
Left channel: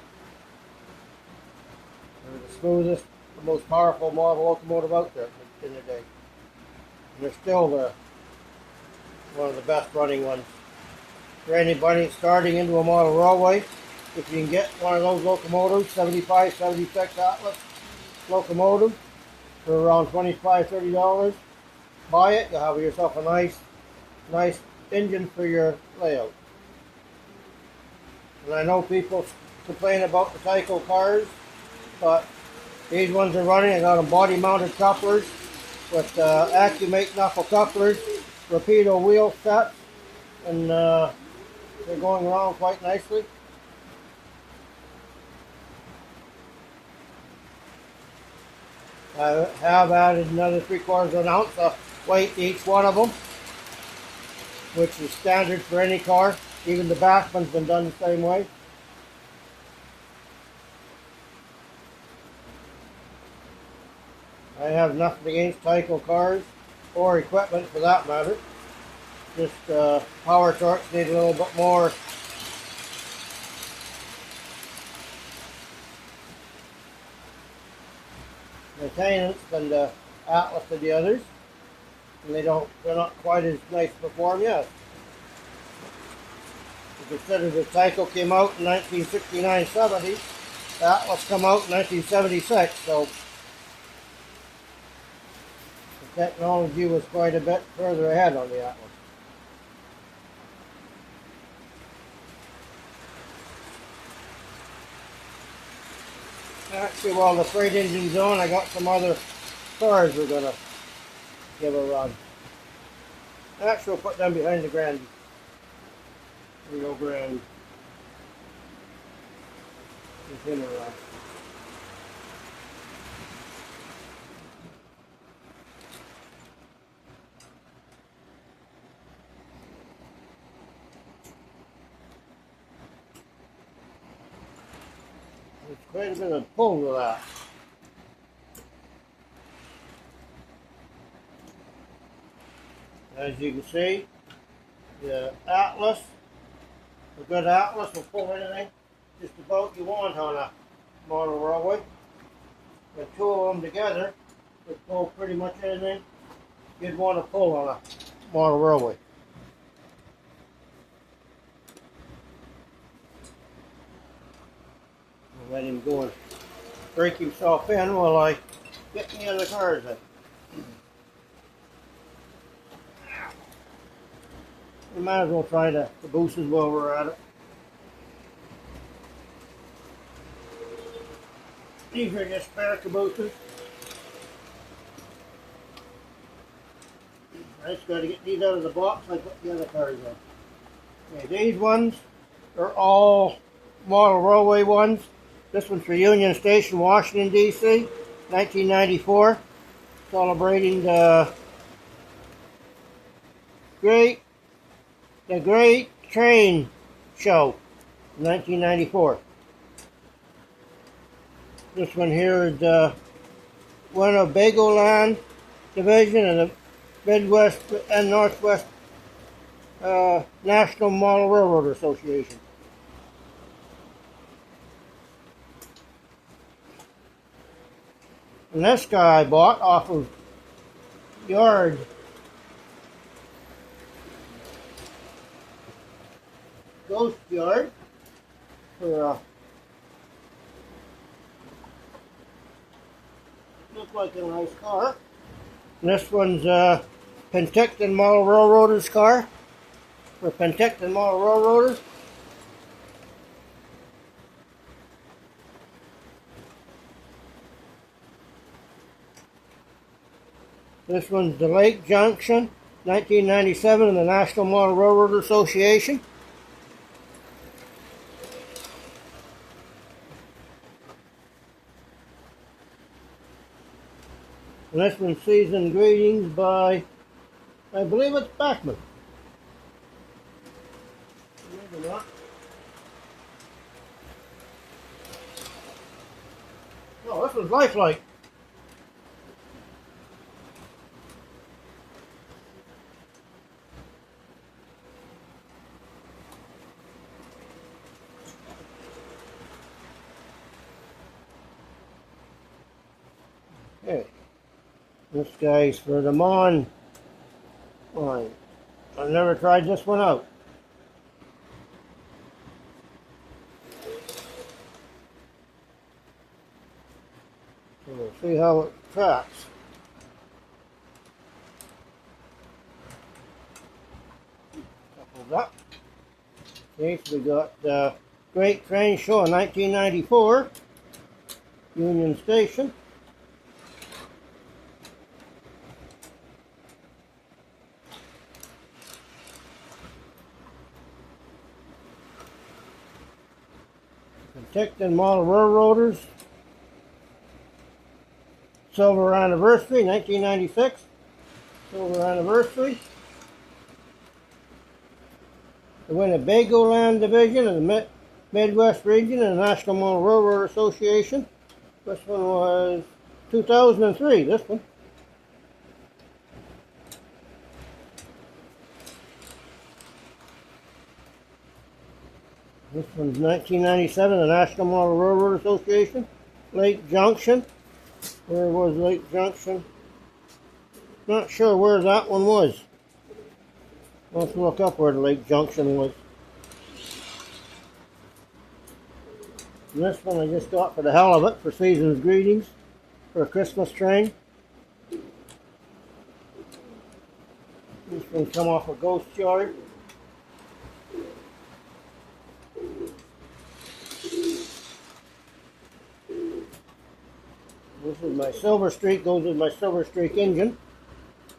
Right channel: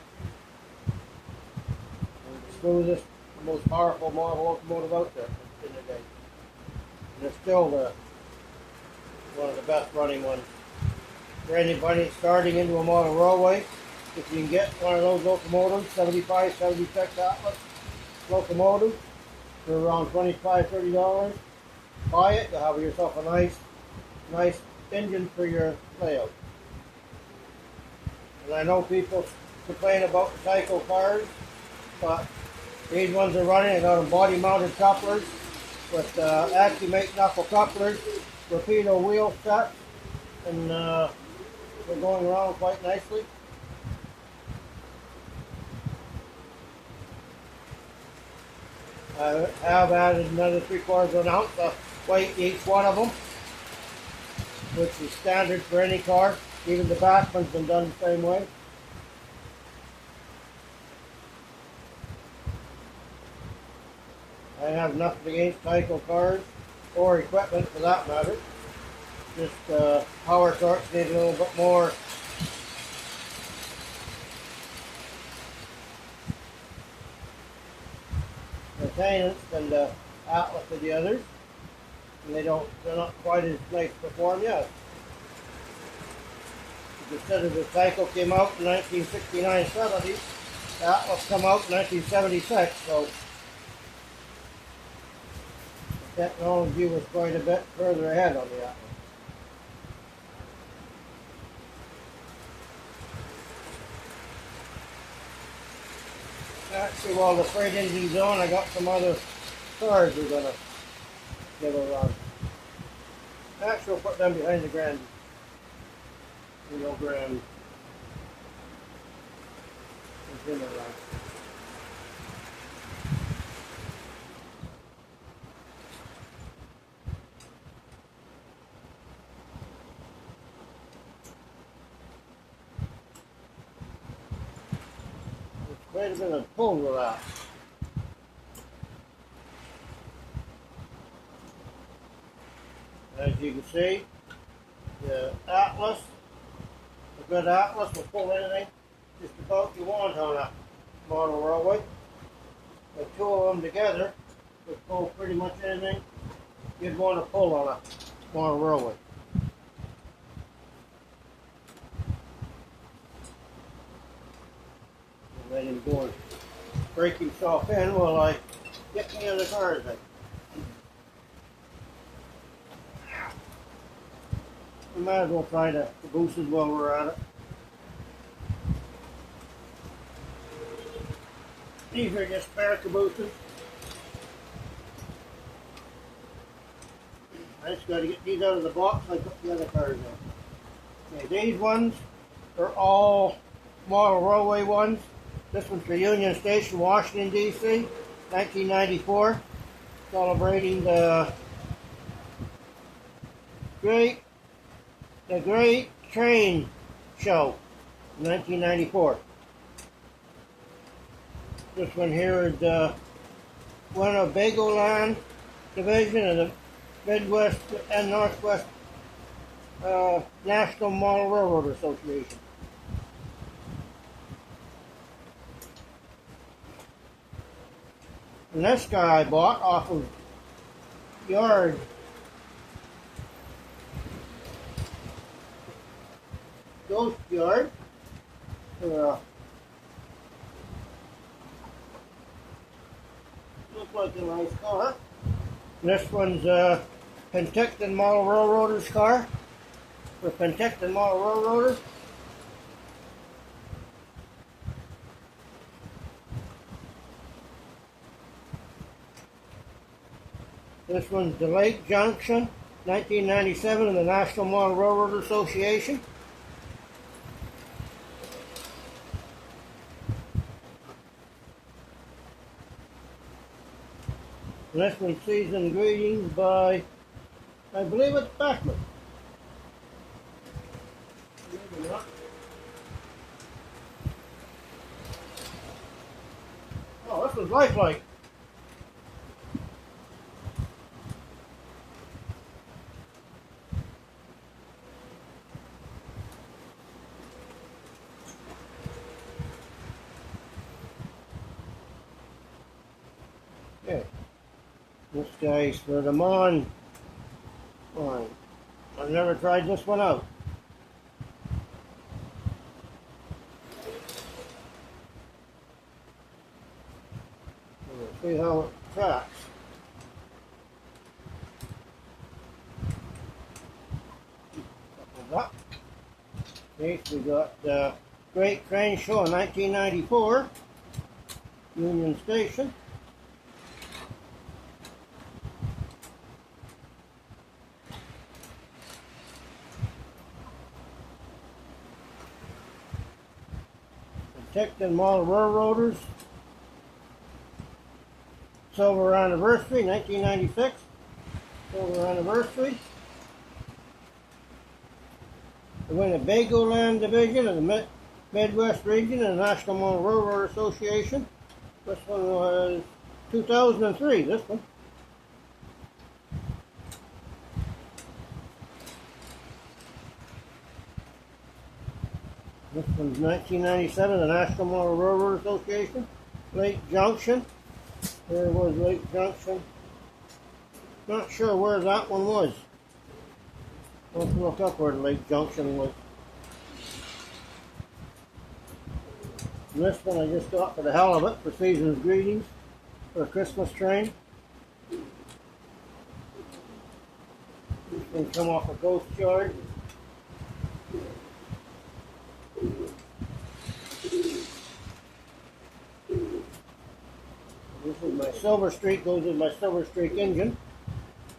They were the smoothest, the most powerful model locomotive out there in the day. And they're still one of the best running ones. For anybody starting into a model railway, if you can get one of those locomotives, 75, 76 Atlas locomotive, for around $25, $30, buy it, you'll have yourself a nice engine for your layout. And I know people complain about the Tyco cars, but these ones are running. I got them body mounted couplers with Accumate knuckle couplers, Rapido wheel sets, and they're going around quite nicely. I have added another 3/4 of an ounce of weight to each one of them, which is standard for any car. Even the back one's been done the same way. I have nothing against Tyco cars or equipment for that matter. Just power torques need a little bit more maintenance than the Atlas of the others, and they're not quite as nice to perform yet. You consider the Tyco came out in 1969-70, the Atlas come out in 1976, so the technology was quite a bit further ahead on the Atlas. Actually, while the freight engine's on, I got some other cars we're going to give a run. Actually, we'll put them behind the Grand. Grand. Quite a bit of pull with that. As you can see, the Atlas, a good Atlas will pull anything just about you want on a model railway. The two of them together would pull pretty much anything you'd want to pull on a model railway. Let him go and break himself in while I get the other cars in. We might as well try the cabooses while we're at it. These are just spare cabooses. I just got to get these out of the box. I put the other cars in. Okay, these ones are all model railway ones. This one's for Union Station, Washington, D.C., 1994, celebrating the Great Train Show, 1994. This one here is the Winnebagoland Division of the Midwest and Northwest National Model Railroad Association. And this guy I bought off of Yard. Ghost Yard for looks like a nice car. And this one's Penticton Model Railroaders car for Penticton Model Railroaders. This one's the Lake Junction, 1997, in the National Model Railroad Association. And this one's Seasoned Greetings by, I believe it's Bachman. Maybe not. Oh, this was Lifelike. Okay. This guy's for the Mon line. I've never tried this one out. We'll see how it tracks. Up. Okay, so we got the Great Train Show in 1994, Union Station. Penticton Model Railroaders, Silver Anniversary, 1996, Silver Anniversary. The Winnebagoland Division of the Midwest Region of the National Model Railroad Association. This one was 2003, this one. This one's 1997, the National Model Railroad Association. Lake Junction. Where was Lake Junction? Not sure where that one was. Let's look up where the Lake Junction was. And this one I just got for the hell of it, for Season's Greetings, for a Christmas train. This one come off a Ghost Yard. This is my Silver Streak, goes with my Silver Streak engine.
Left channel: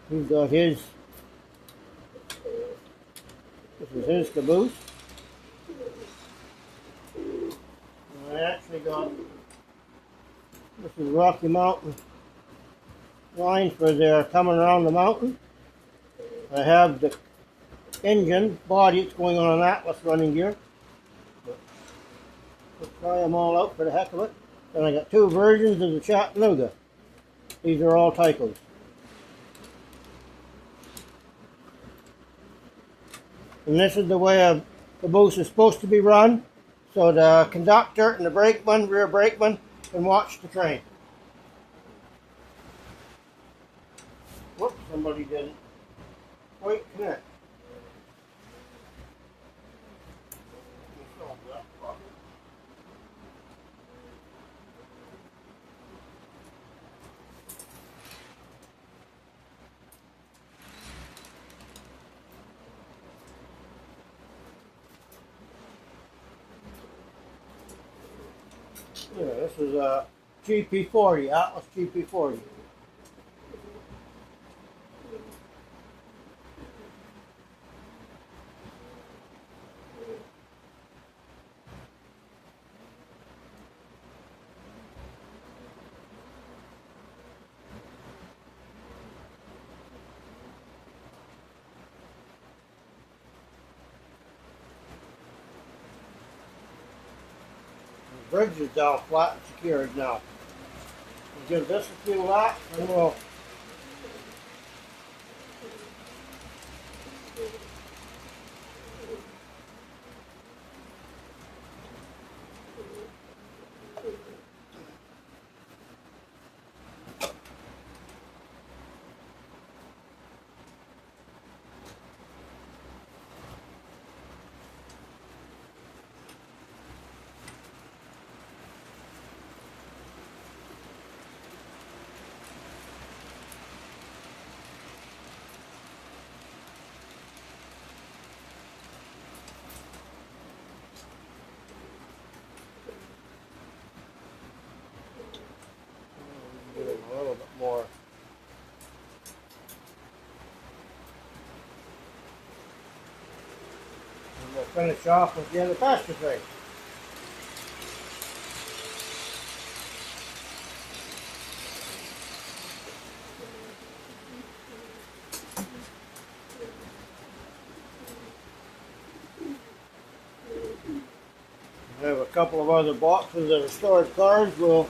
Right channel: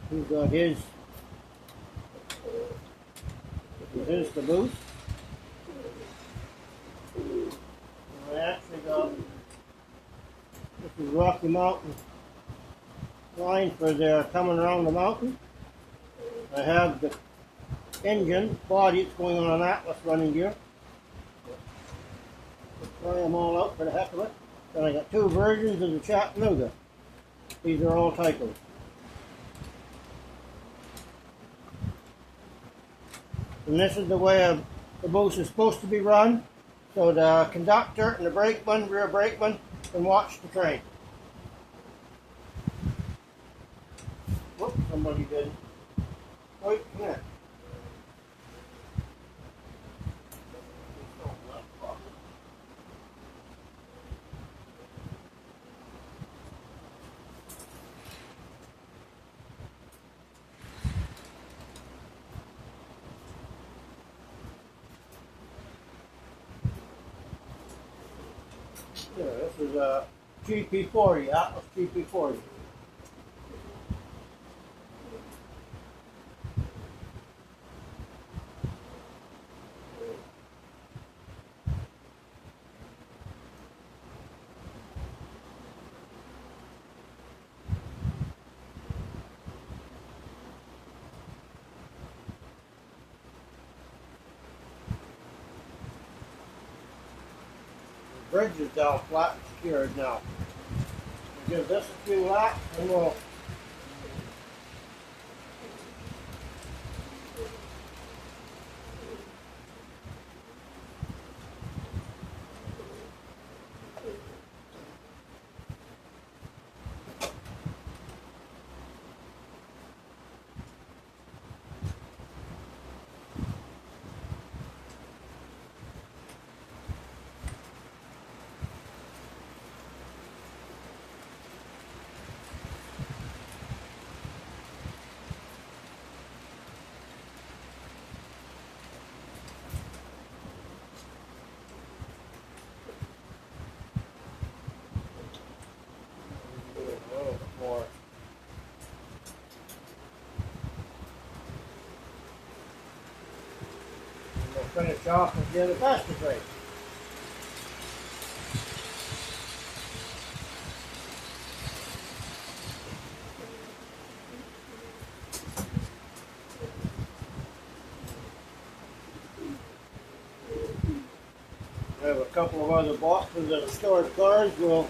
He's got his, this is his caboose. And I actually got, this is Rocky Mountain lines for they're coming around the mountain. I have the engine body, it's going on an Atlas running gear. Let's try them all out for the heck of it. And I got two versions of the Chattanooga. These are all Tycos. And this is the way a caboose is supposed to be run, so the conductor and the brakeman, rear brakeman, can watch the train. Whoops, somebody didn't quite connect. Yeah, this is a GP40, Atlas GP40. bridge is down flat and secured now. We'll give this a few laps and we'll a little bit more. And we'll finish off with the other fastest race. I have a couple of other boxes that are stored cars. We'll,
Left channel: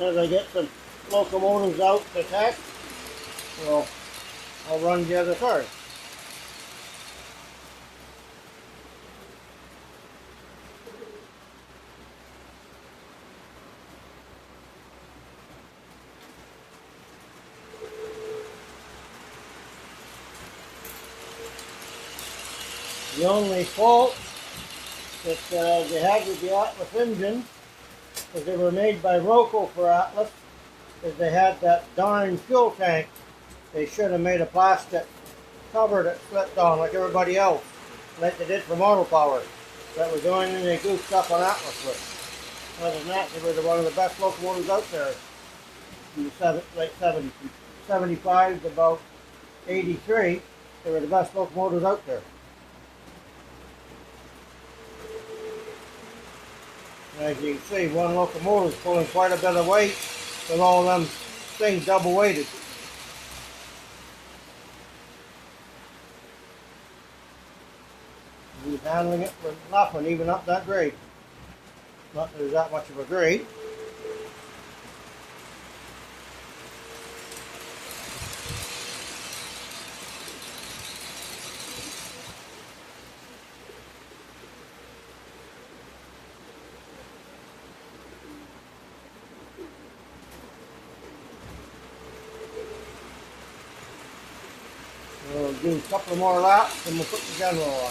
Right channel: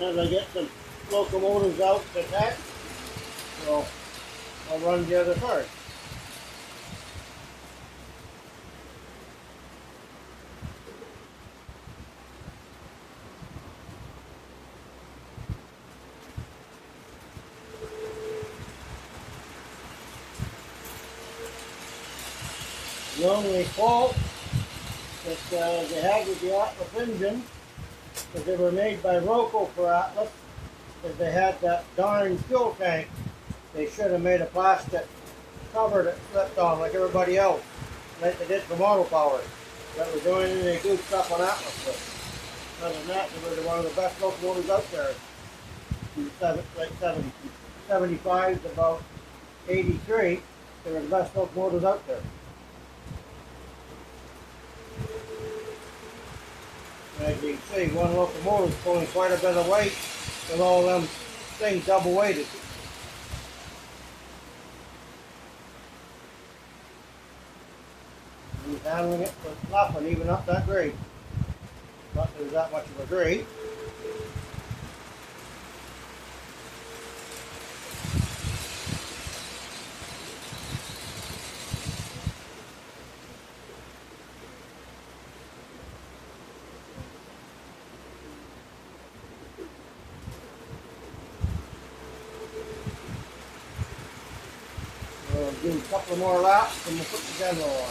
as I get some locomotives out to test, I'll run the other cars. The only fault that they had with the Atlas engine, because they were made by Roco for Atlas, is they had that darn fuel tank. They should have made a plastic cover that slipped on like everybody else, like they did for Motor Power. That was the only thing they goofed up on Atlas with. Other than that, they were one of the best locomotives out there. In the late 70s, 75 to about 83, they were the best locomotives out there. As you can see, one locomotive is pulling quite a bit of weight with all them things double weighted. He's handling it for nothing, even up that grade. Not that there's that much of a grade. We'll do a couple more laps and we'll put the general on.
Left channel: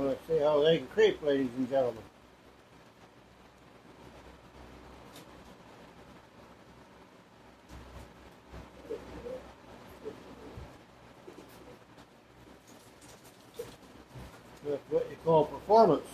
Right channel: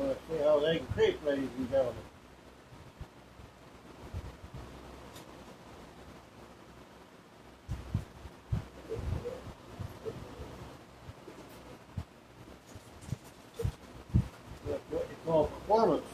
Let's see how they can creep, ladies and gentlemen. That's what you call performance.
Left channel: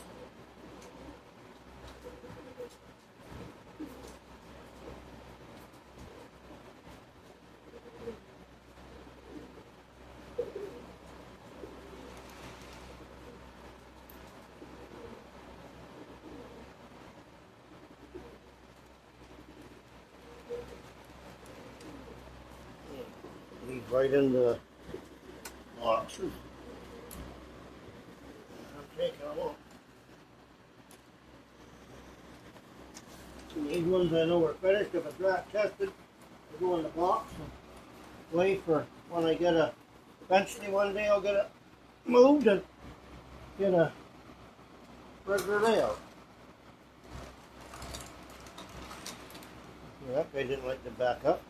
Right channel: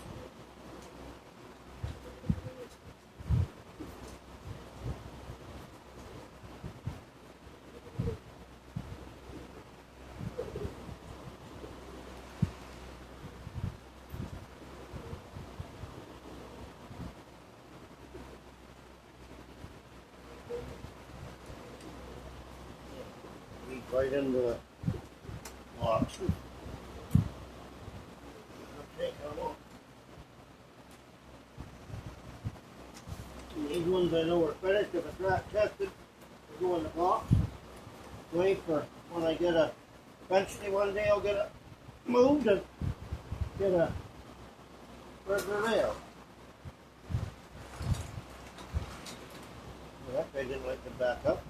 Right into the boxes. These ones I know are finished. If it's not tested, they go in the box. Wait for when I get a, eventually one day I'll get it moved and get a regular layout. That guy didn't like to back up.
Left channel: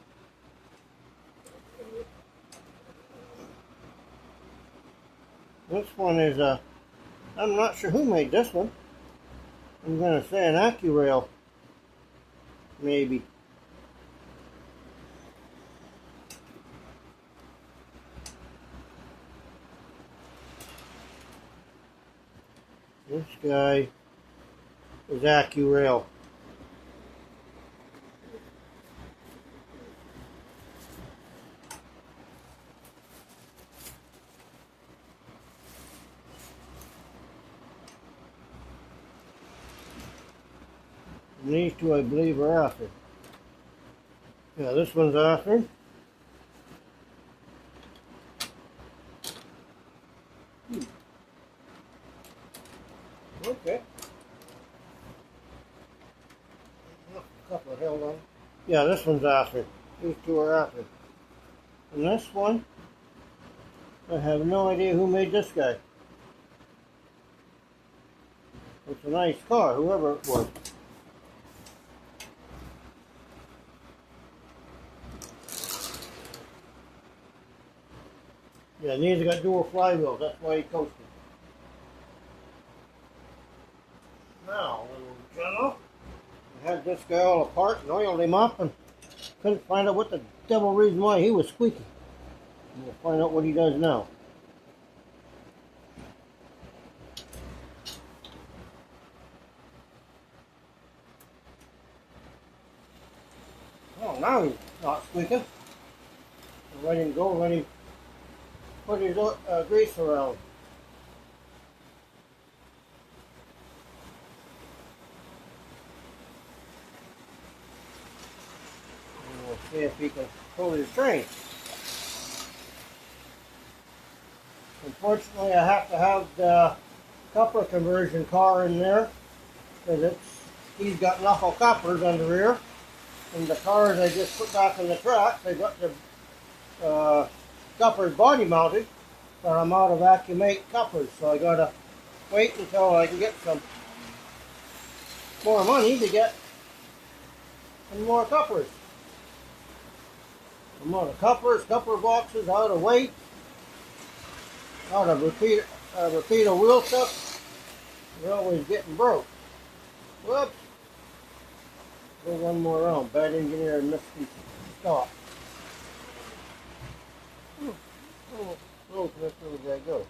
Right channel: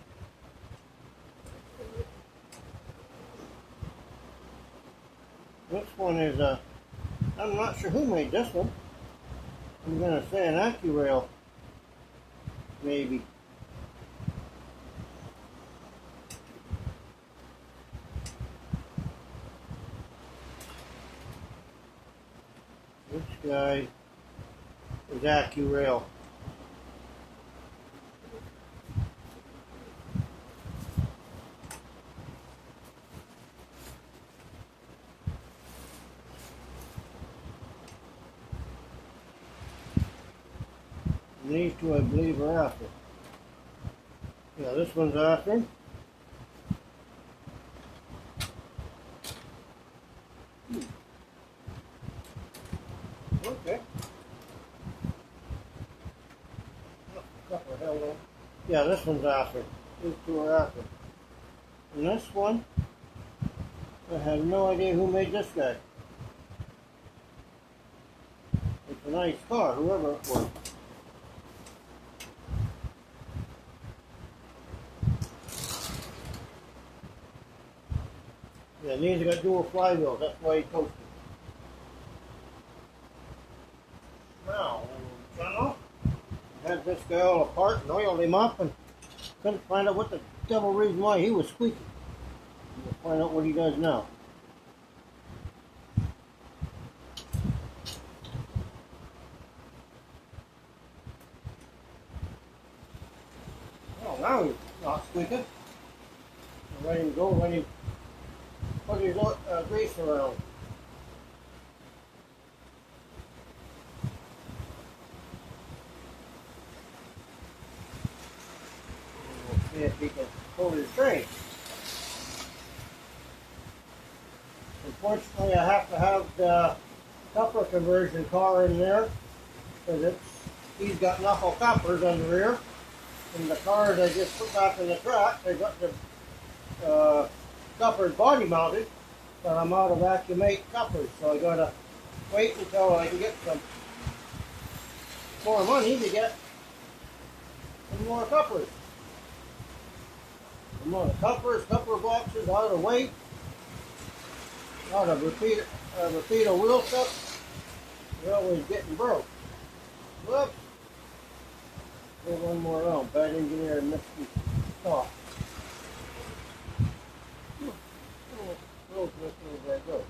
This one is I'm not sure who made this one. I'm going to say an AccuRail, maybe. This guy is AccuRail. And these two, I believe, are after. Yeah, this one's after. Okay. A couple of held on. Yeah, this one's after. These two are after. And this one, I have no idea who made this guy. It's a nice car, whoever it was. Yeah, these have got dual flywheels, that's why he coasted. Now, we'll turn off. I had this guy all apart and oiled him up and couldn't find out what the devil reason why he was squeaking. We'll find out what he does now. Oh, now he's not squeaking. Let him go, let him put his grease around. We'll see if he can hold his train. Unfortunately, I have to have the copper conversion car in there because he's got knuckle coppers on the rear. And the cars I just put back in the truck, they got the coppers body mounted, but I'm out of Accumate coppers, so I gotta wait until I can get some more money to get some more coppers. Some more coppers, copper boxes, out of weight, out of repeater wheel cup. They're always getting broke. Whoops. Go one more round. Bad engineer and missed the stop. Where did that go?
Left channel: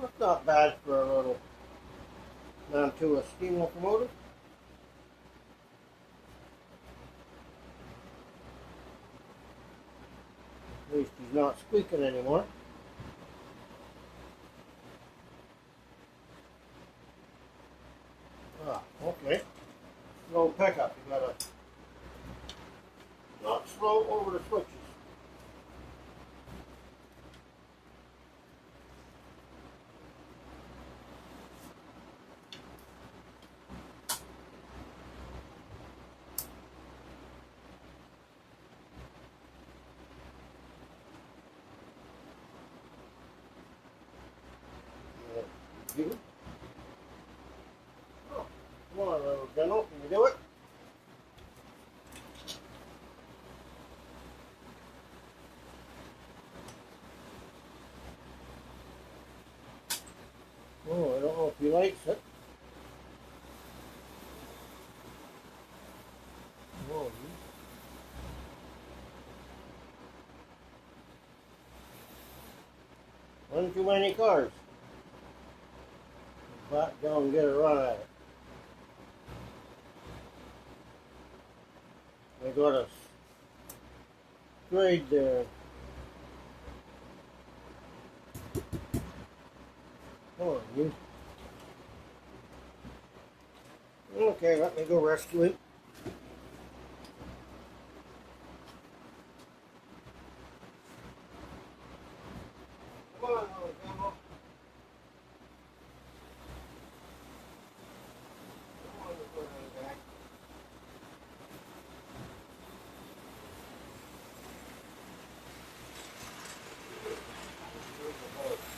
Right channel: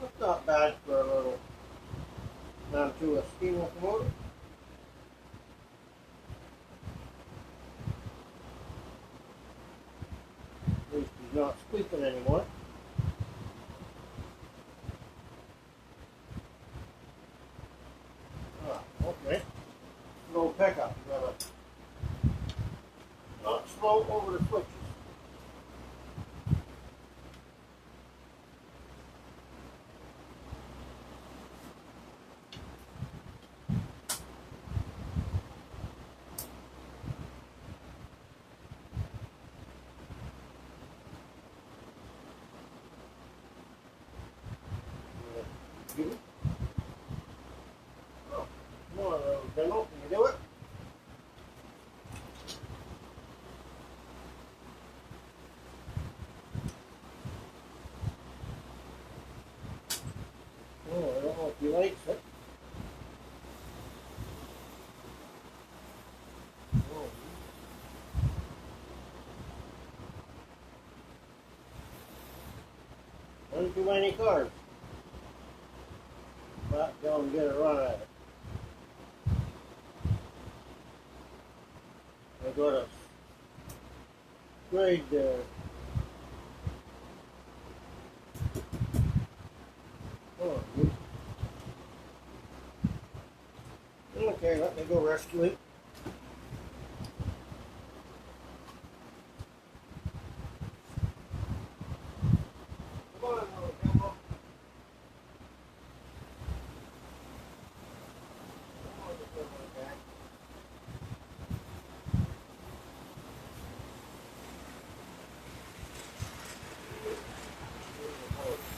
That's not bad for a little down to a steam locomotive. At least he's not squeaking anymore. Ah, okay. Slow pickup. You gotta not slow over the switches. Oh, come on, General, can you do it? Oh, I don't know if he likes it. Oh, run too many cars. Back down and get a run at it. They got a grade there. Oh, you. Okay, let me go rescue it. Come on, little devil. Come on, you put it on the back.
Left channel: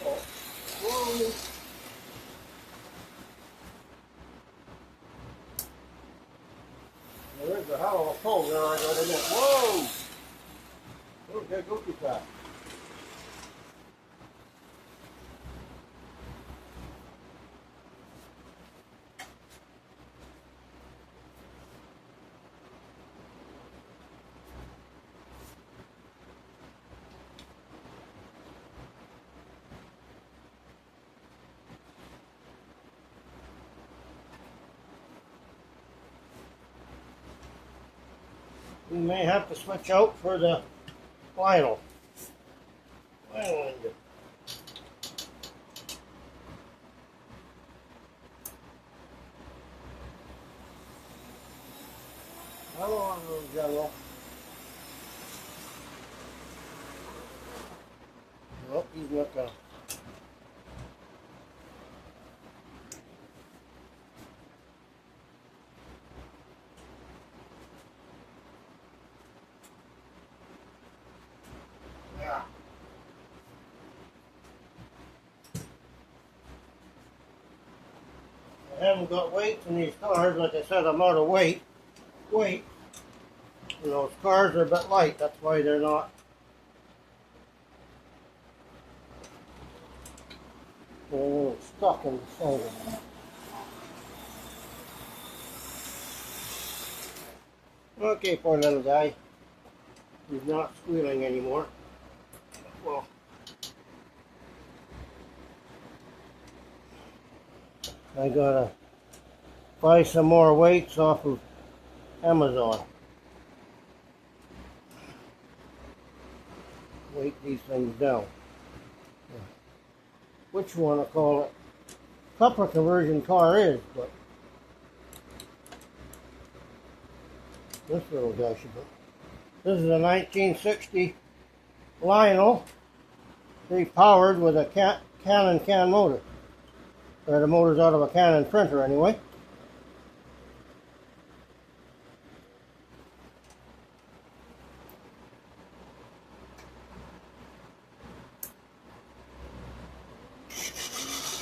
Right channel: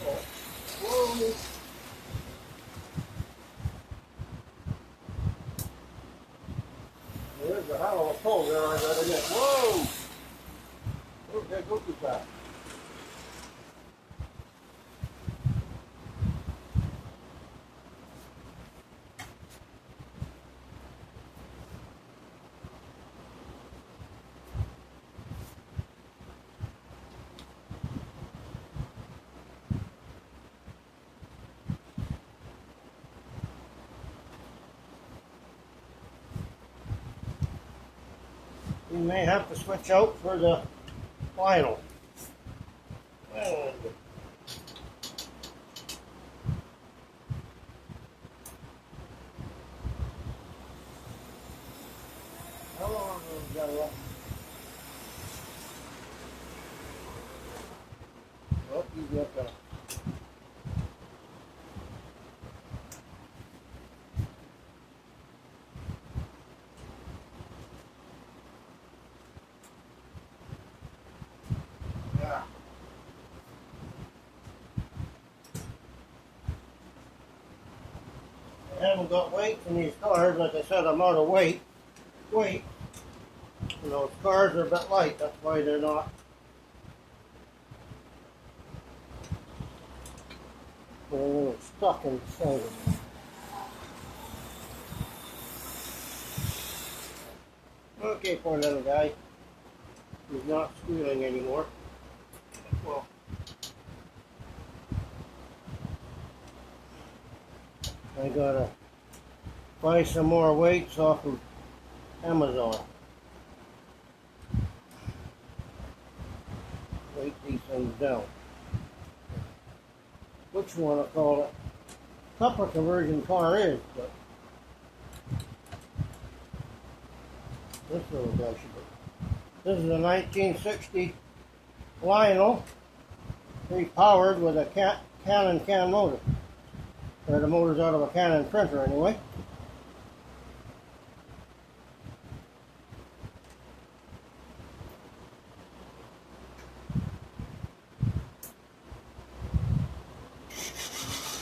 Oh. Whoa. There's a hell of a pole there I got in it. Whoa! Okay, go too fast. We may have to switch out for the final. How long is that? Nope, he's not gonna. Yeah. I haven't got weights in these cars. Like I said, I'm out of weight. You know, cars are a bit light. That's why they're not. They're a little stuck in the center. Okay, poor little guy. He's not squealing anymore. Well, I gotta buy some more weights off of Amazon. Weight these things down. Which one I call it? Proper conversion car is, but this little guy should be. This is a 1960 Lionel, pre-powered with a Canon CAN motor. The motor's out of a Canon printer anyway.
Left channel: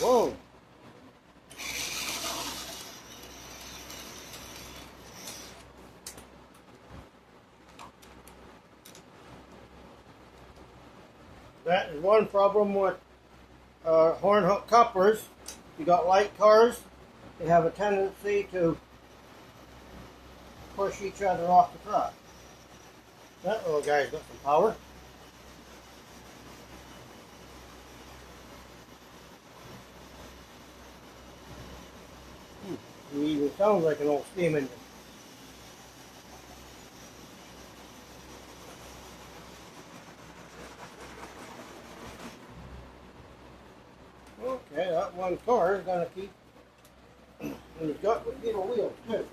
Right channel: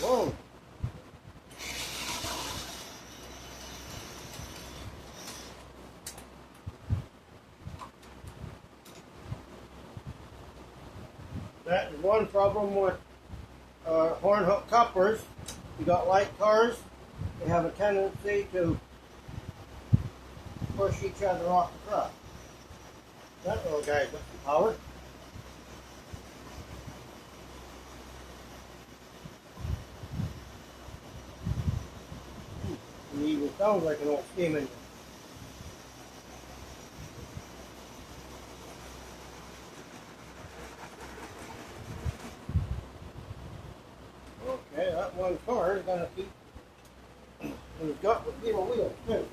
Whoa. That is one problem with horn hook couplers. You got light cars, they have a tendency to push each other off the truck. That little guy's got some power. He even sounds like an old steam engine. Okay, that one car is going to keep, and he's got with little wheels too.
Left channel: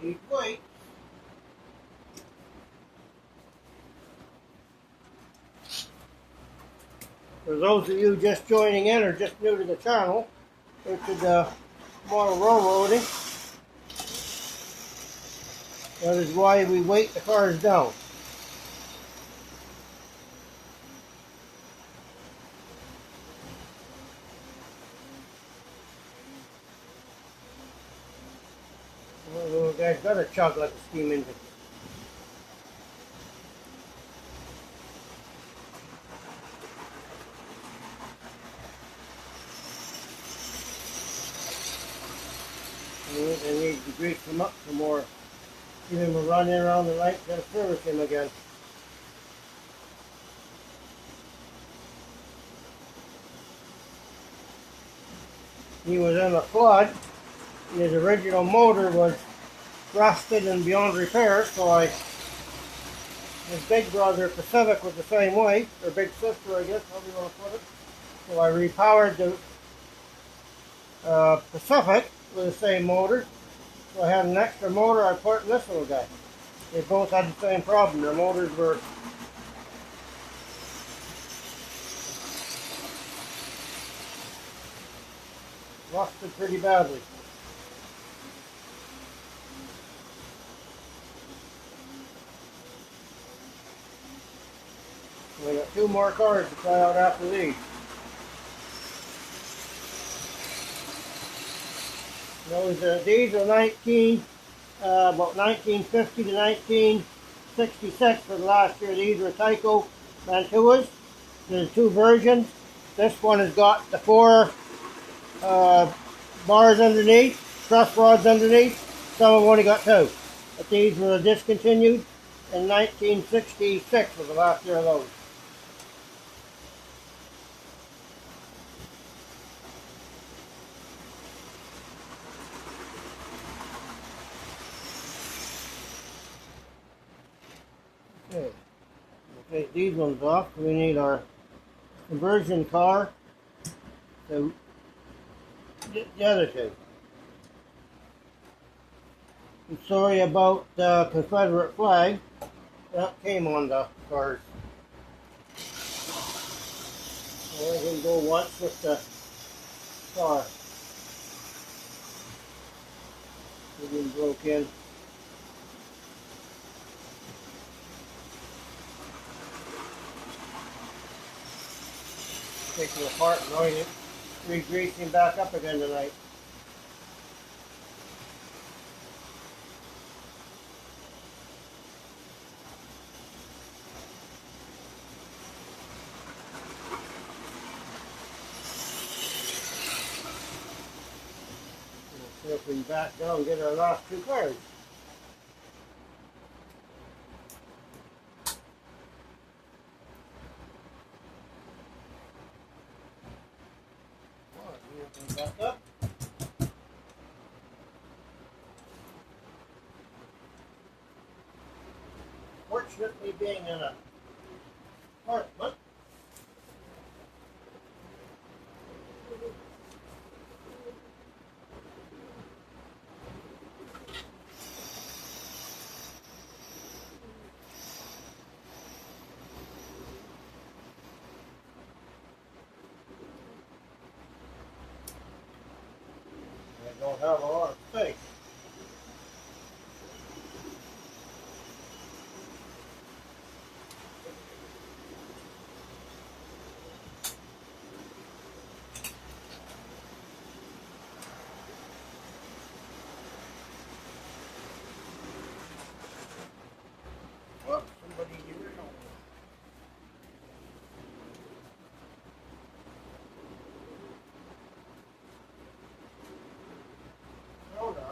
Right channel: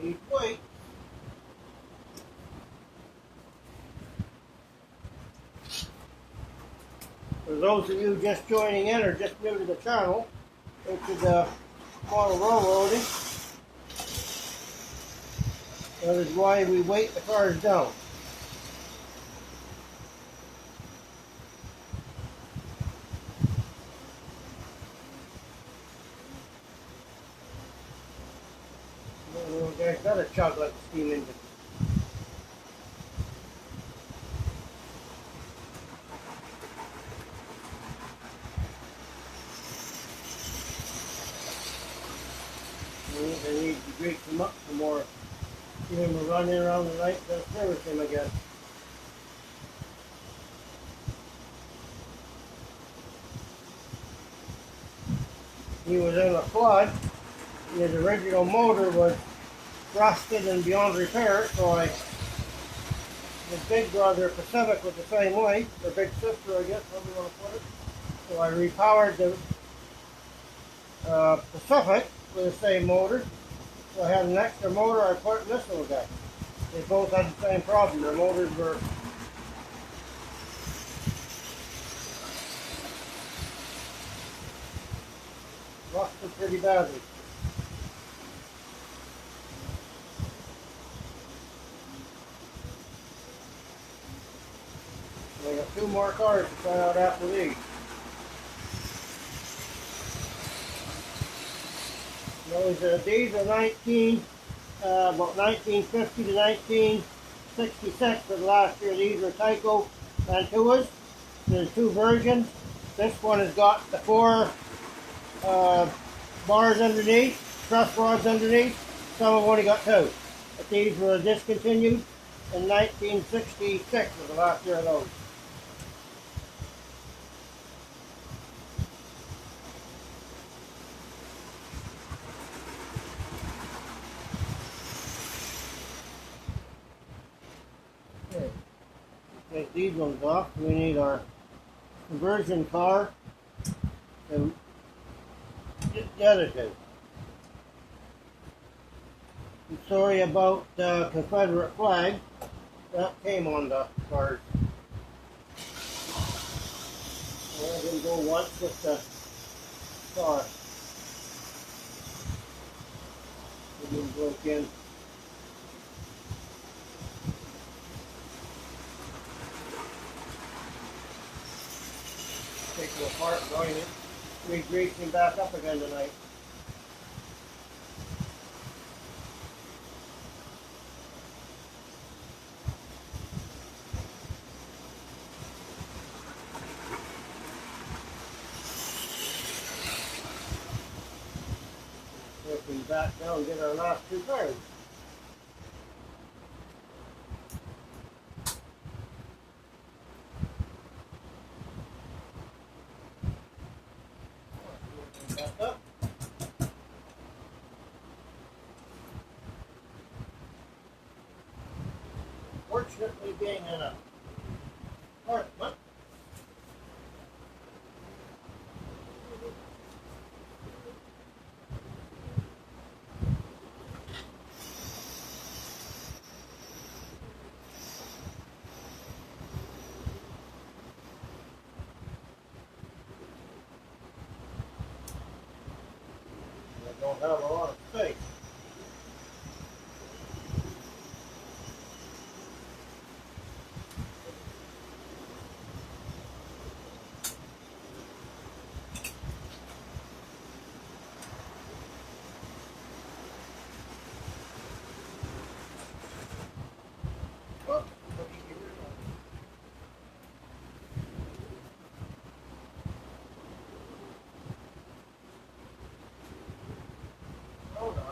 He's weight. For those of you just joining in or just new to the channel, which is more railroading, that is why we weight the cars down. Little guy's got a chug like a steam engine. I need to grease him up some more. Give him a run in around the night to service him again. He was in a flood. His original motor was rusted and beyond repair, so his big brother Pacific was the same way, or big sister I guess, however you want to put it. So I repowered the Pacific with the same motor. So I had an extra motor I put in this little guy. They both had the same problem. Their motors were rusted pretty badly. We got two more cars to try out after these. These are about 1950 to 1966 for the last year. These were Tyco Mantuas. There's two versions. This one has got the four bars underneath, truss rods underneath. Some have only got two. But these were discontinued in 1966 was the last year of those. Okay. Take these ones off. We need our conversion car to the other two. I'm sorry about the Confederate flag. That came on the cars. I can go once with the car. It been broke in. Taking it apart, going it, re-greasing back up again tonight. Circling back down and get our last two cars. Back up. Fortunately, being in a apartment, I don't have a lot of space. Oh, somebody get rid of it. Hold on.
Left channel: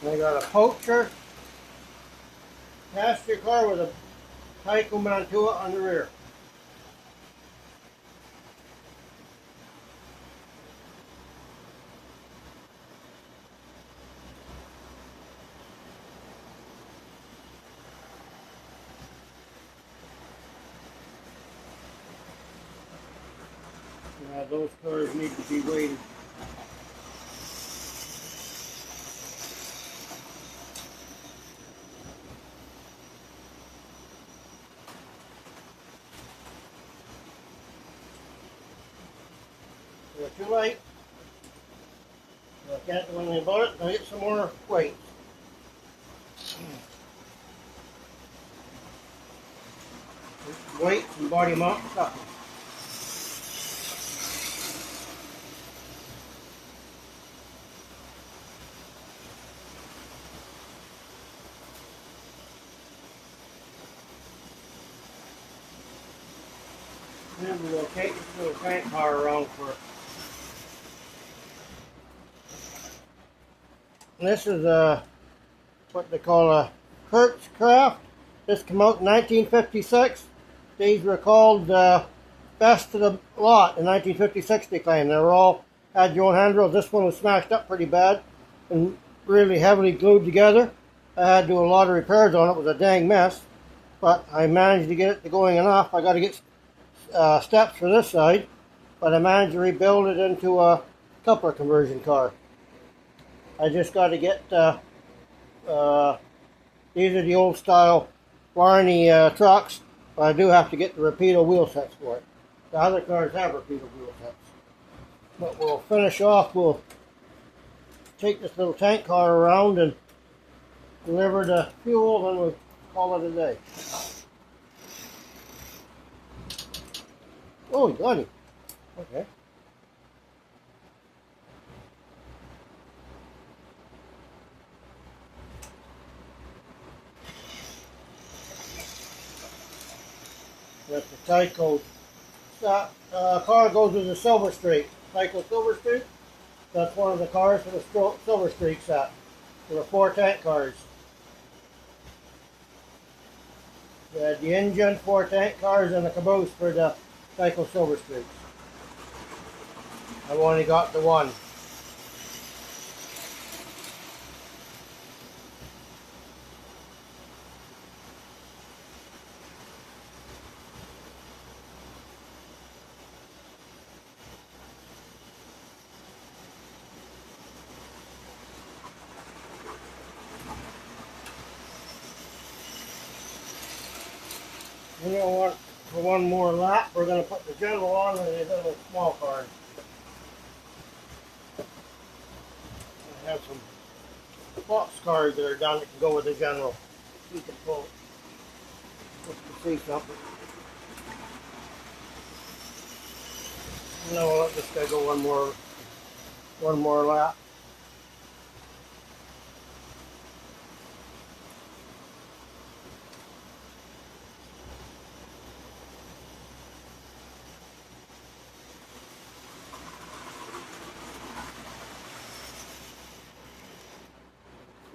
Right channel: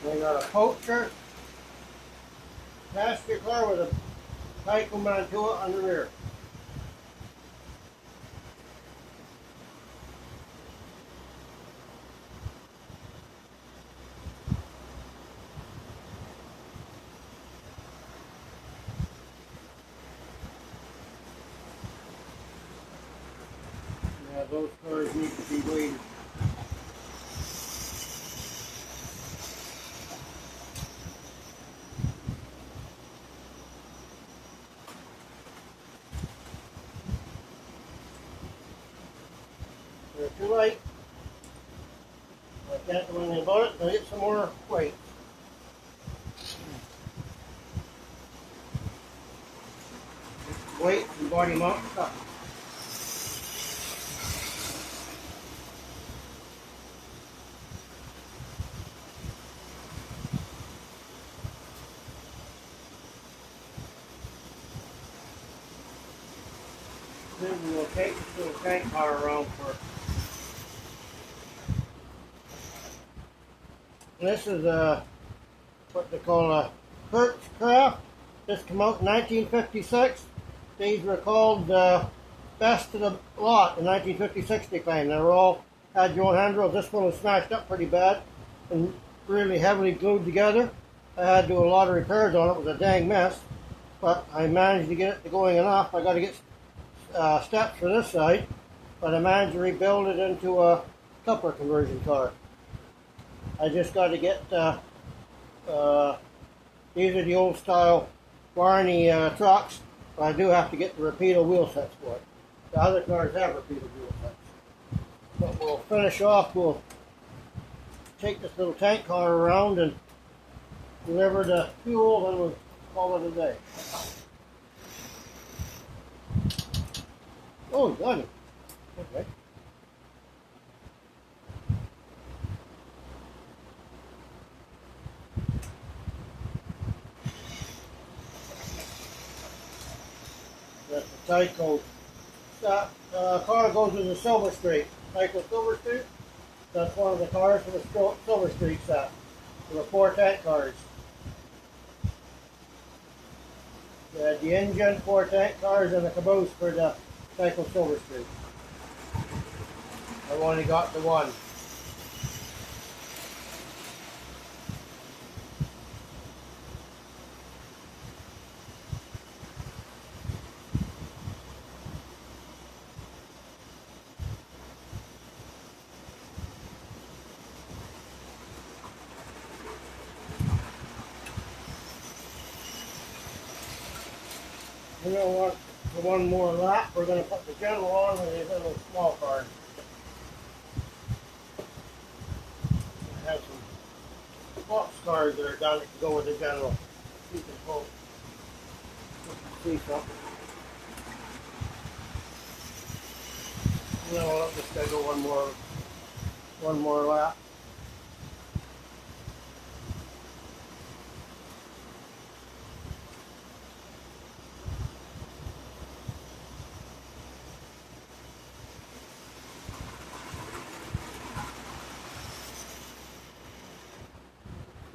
We got a poacher passenger car with a Tyco Mantua on the rear. Yeah, those cars need to be weighted. They're too light. I can't do anything about it. I'll get some more weight. Weight and body mount stuff. Then we'll take this little tank car around for. And this is what they call a Hertzcraft. This came out in 1956. These were called best of the lot in 1956. They claim they were all had your own handrails. This one was smashed up pretty bad and really heavily glued together. I had to do a lot of repairs on it. It was a dang mess, but I managed to get it to going enough. I got to get steps for this side, but I managed to rebuild it into a coupler conversion car. I just got to get these are the old style Barney trucks, but I do have to get the Rapido wheel sets for it. The other cars have Rapido wheel sets. But we'll finish off, we'll take this little tank car around and deliver the fuel, and we'll call it a day. Oh, got it. Okay. Tyco. That car goes with the Silver Streak. Tyco Silver Streak. That's one of the cars for the Silver Streak set. There were 4 tank cars. They had the engine, 4 tank cars, and the caboose for the Tyco Silver Streak. I've only got the one. You know what? For one more lap, we're going to put the general on and these little small cars. We have some box cars that are done that can go with the general. You can pull. You can see something. You know what? Just got to go one more lap.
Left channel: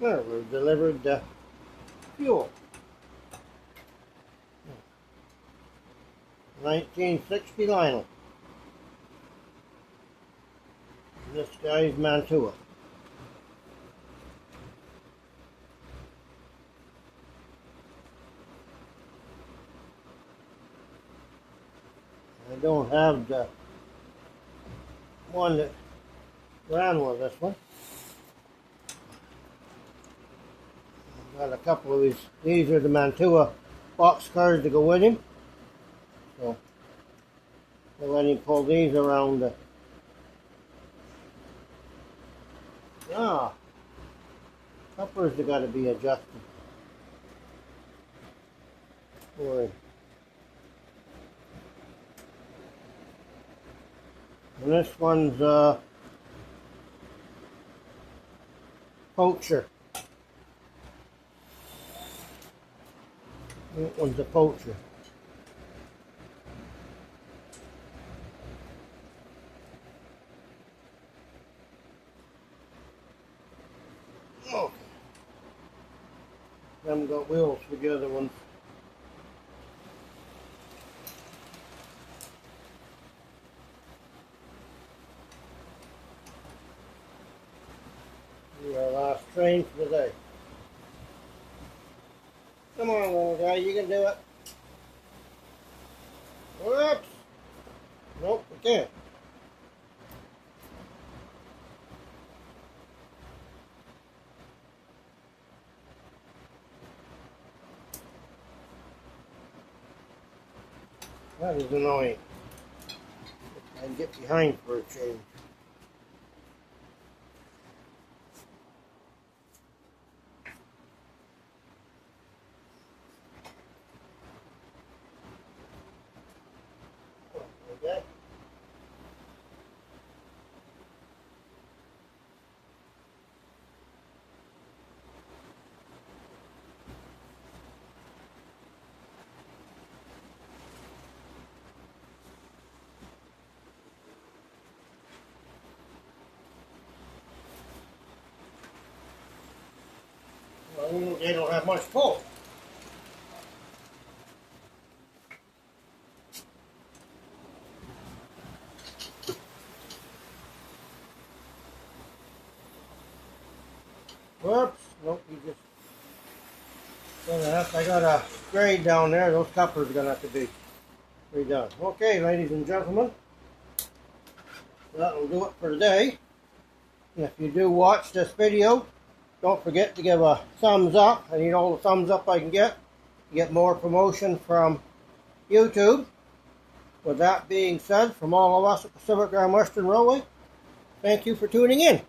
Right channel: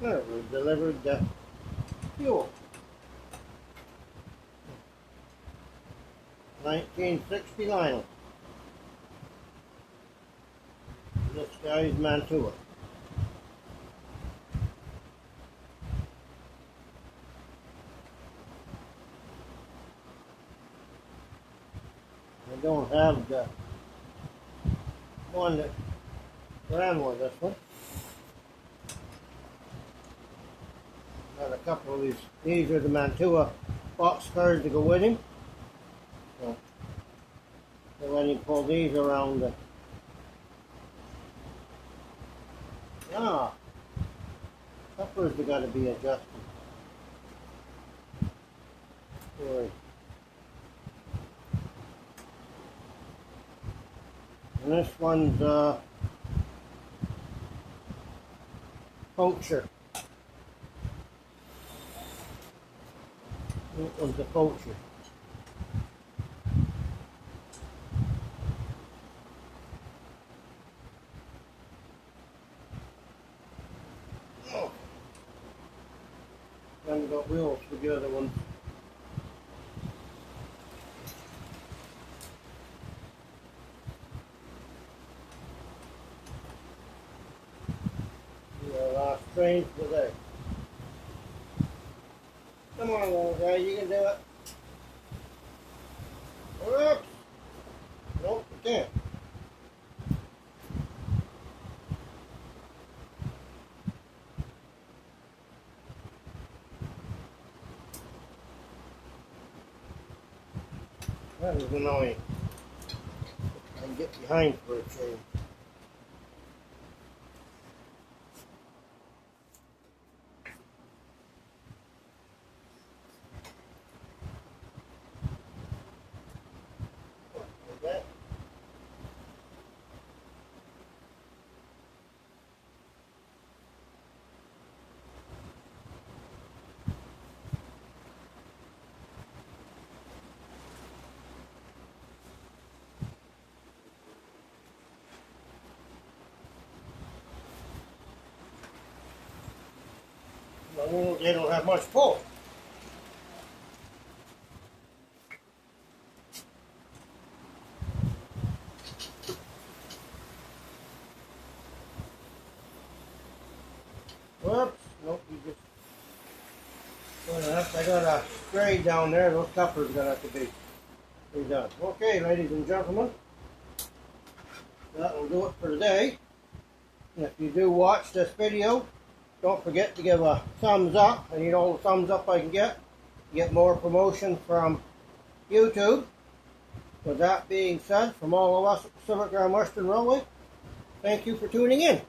Well, we've delivered the fuel. 1960 Lionel. This guy's Mantua. I don't have the one that ran with this one. Got a couple of these. These are the Mantua box cars to go with him. So we'll let him pull these around. Couplers have got to be adjusted. And this one's Poacher. That one's a Poacher. Oh. Haven't got wheels for the other one. Our last train for the day. Come on, little guy, you can do it. Whoops! Nope, you can't. That was annoying. I can get behind for a change. Well, they don't have much pull. Whoops, nope, you just I got a grade down there, those couplers are gonna have to be redone. Okay, ladies and gentlemen, that will do it for today. If you do watch this video, don't forget to give a thumbs up, and you know the thumbs up I can get. You get more promotion from YouTube. With that being said, from all of us at Pacific Grand Western Railway, thank you for tuning in.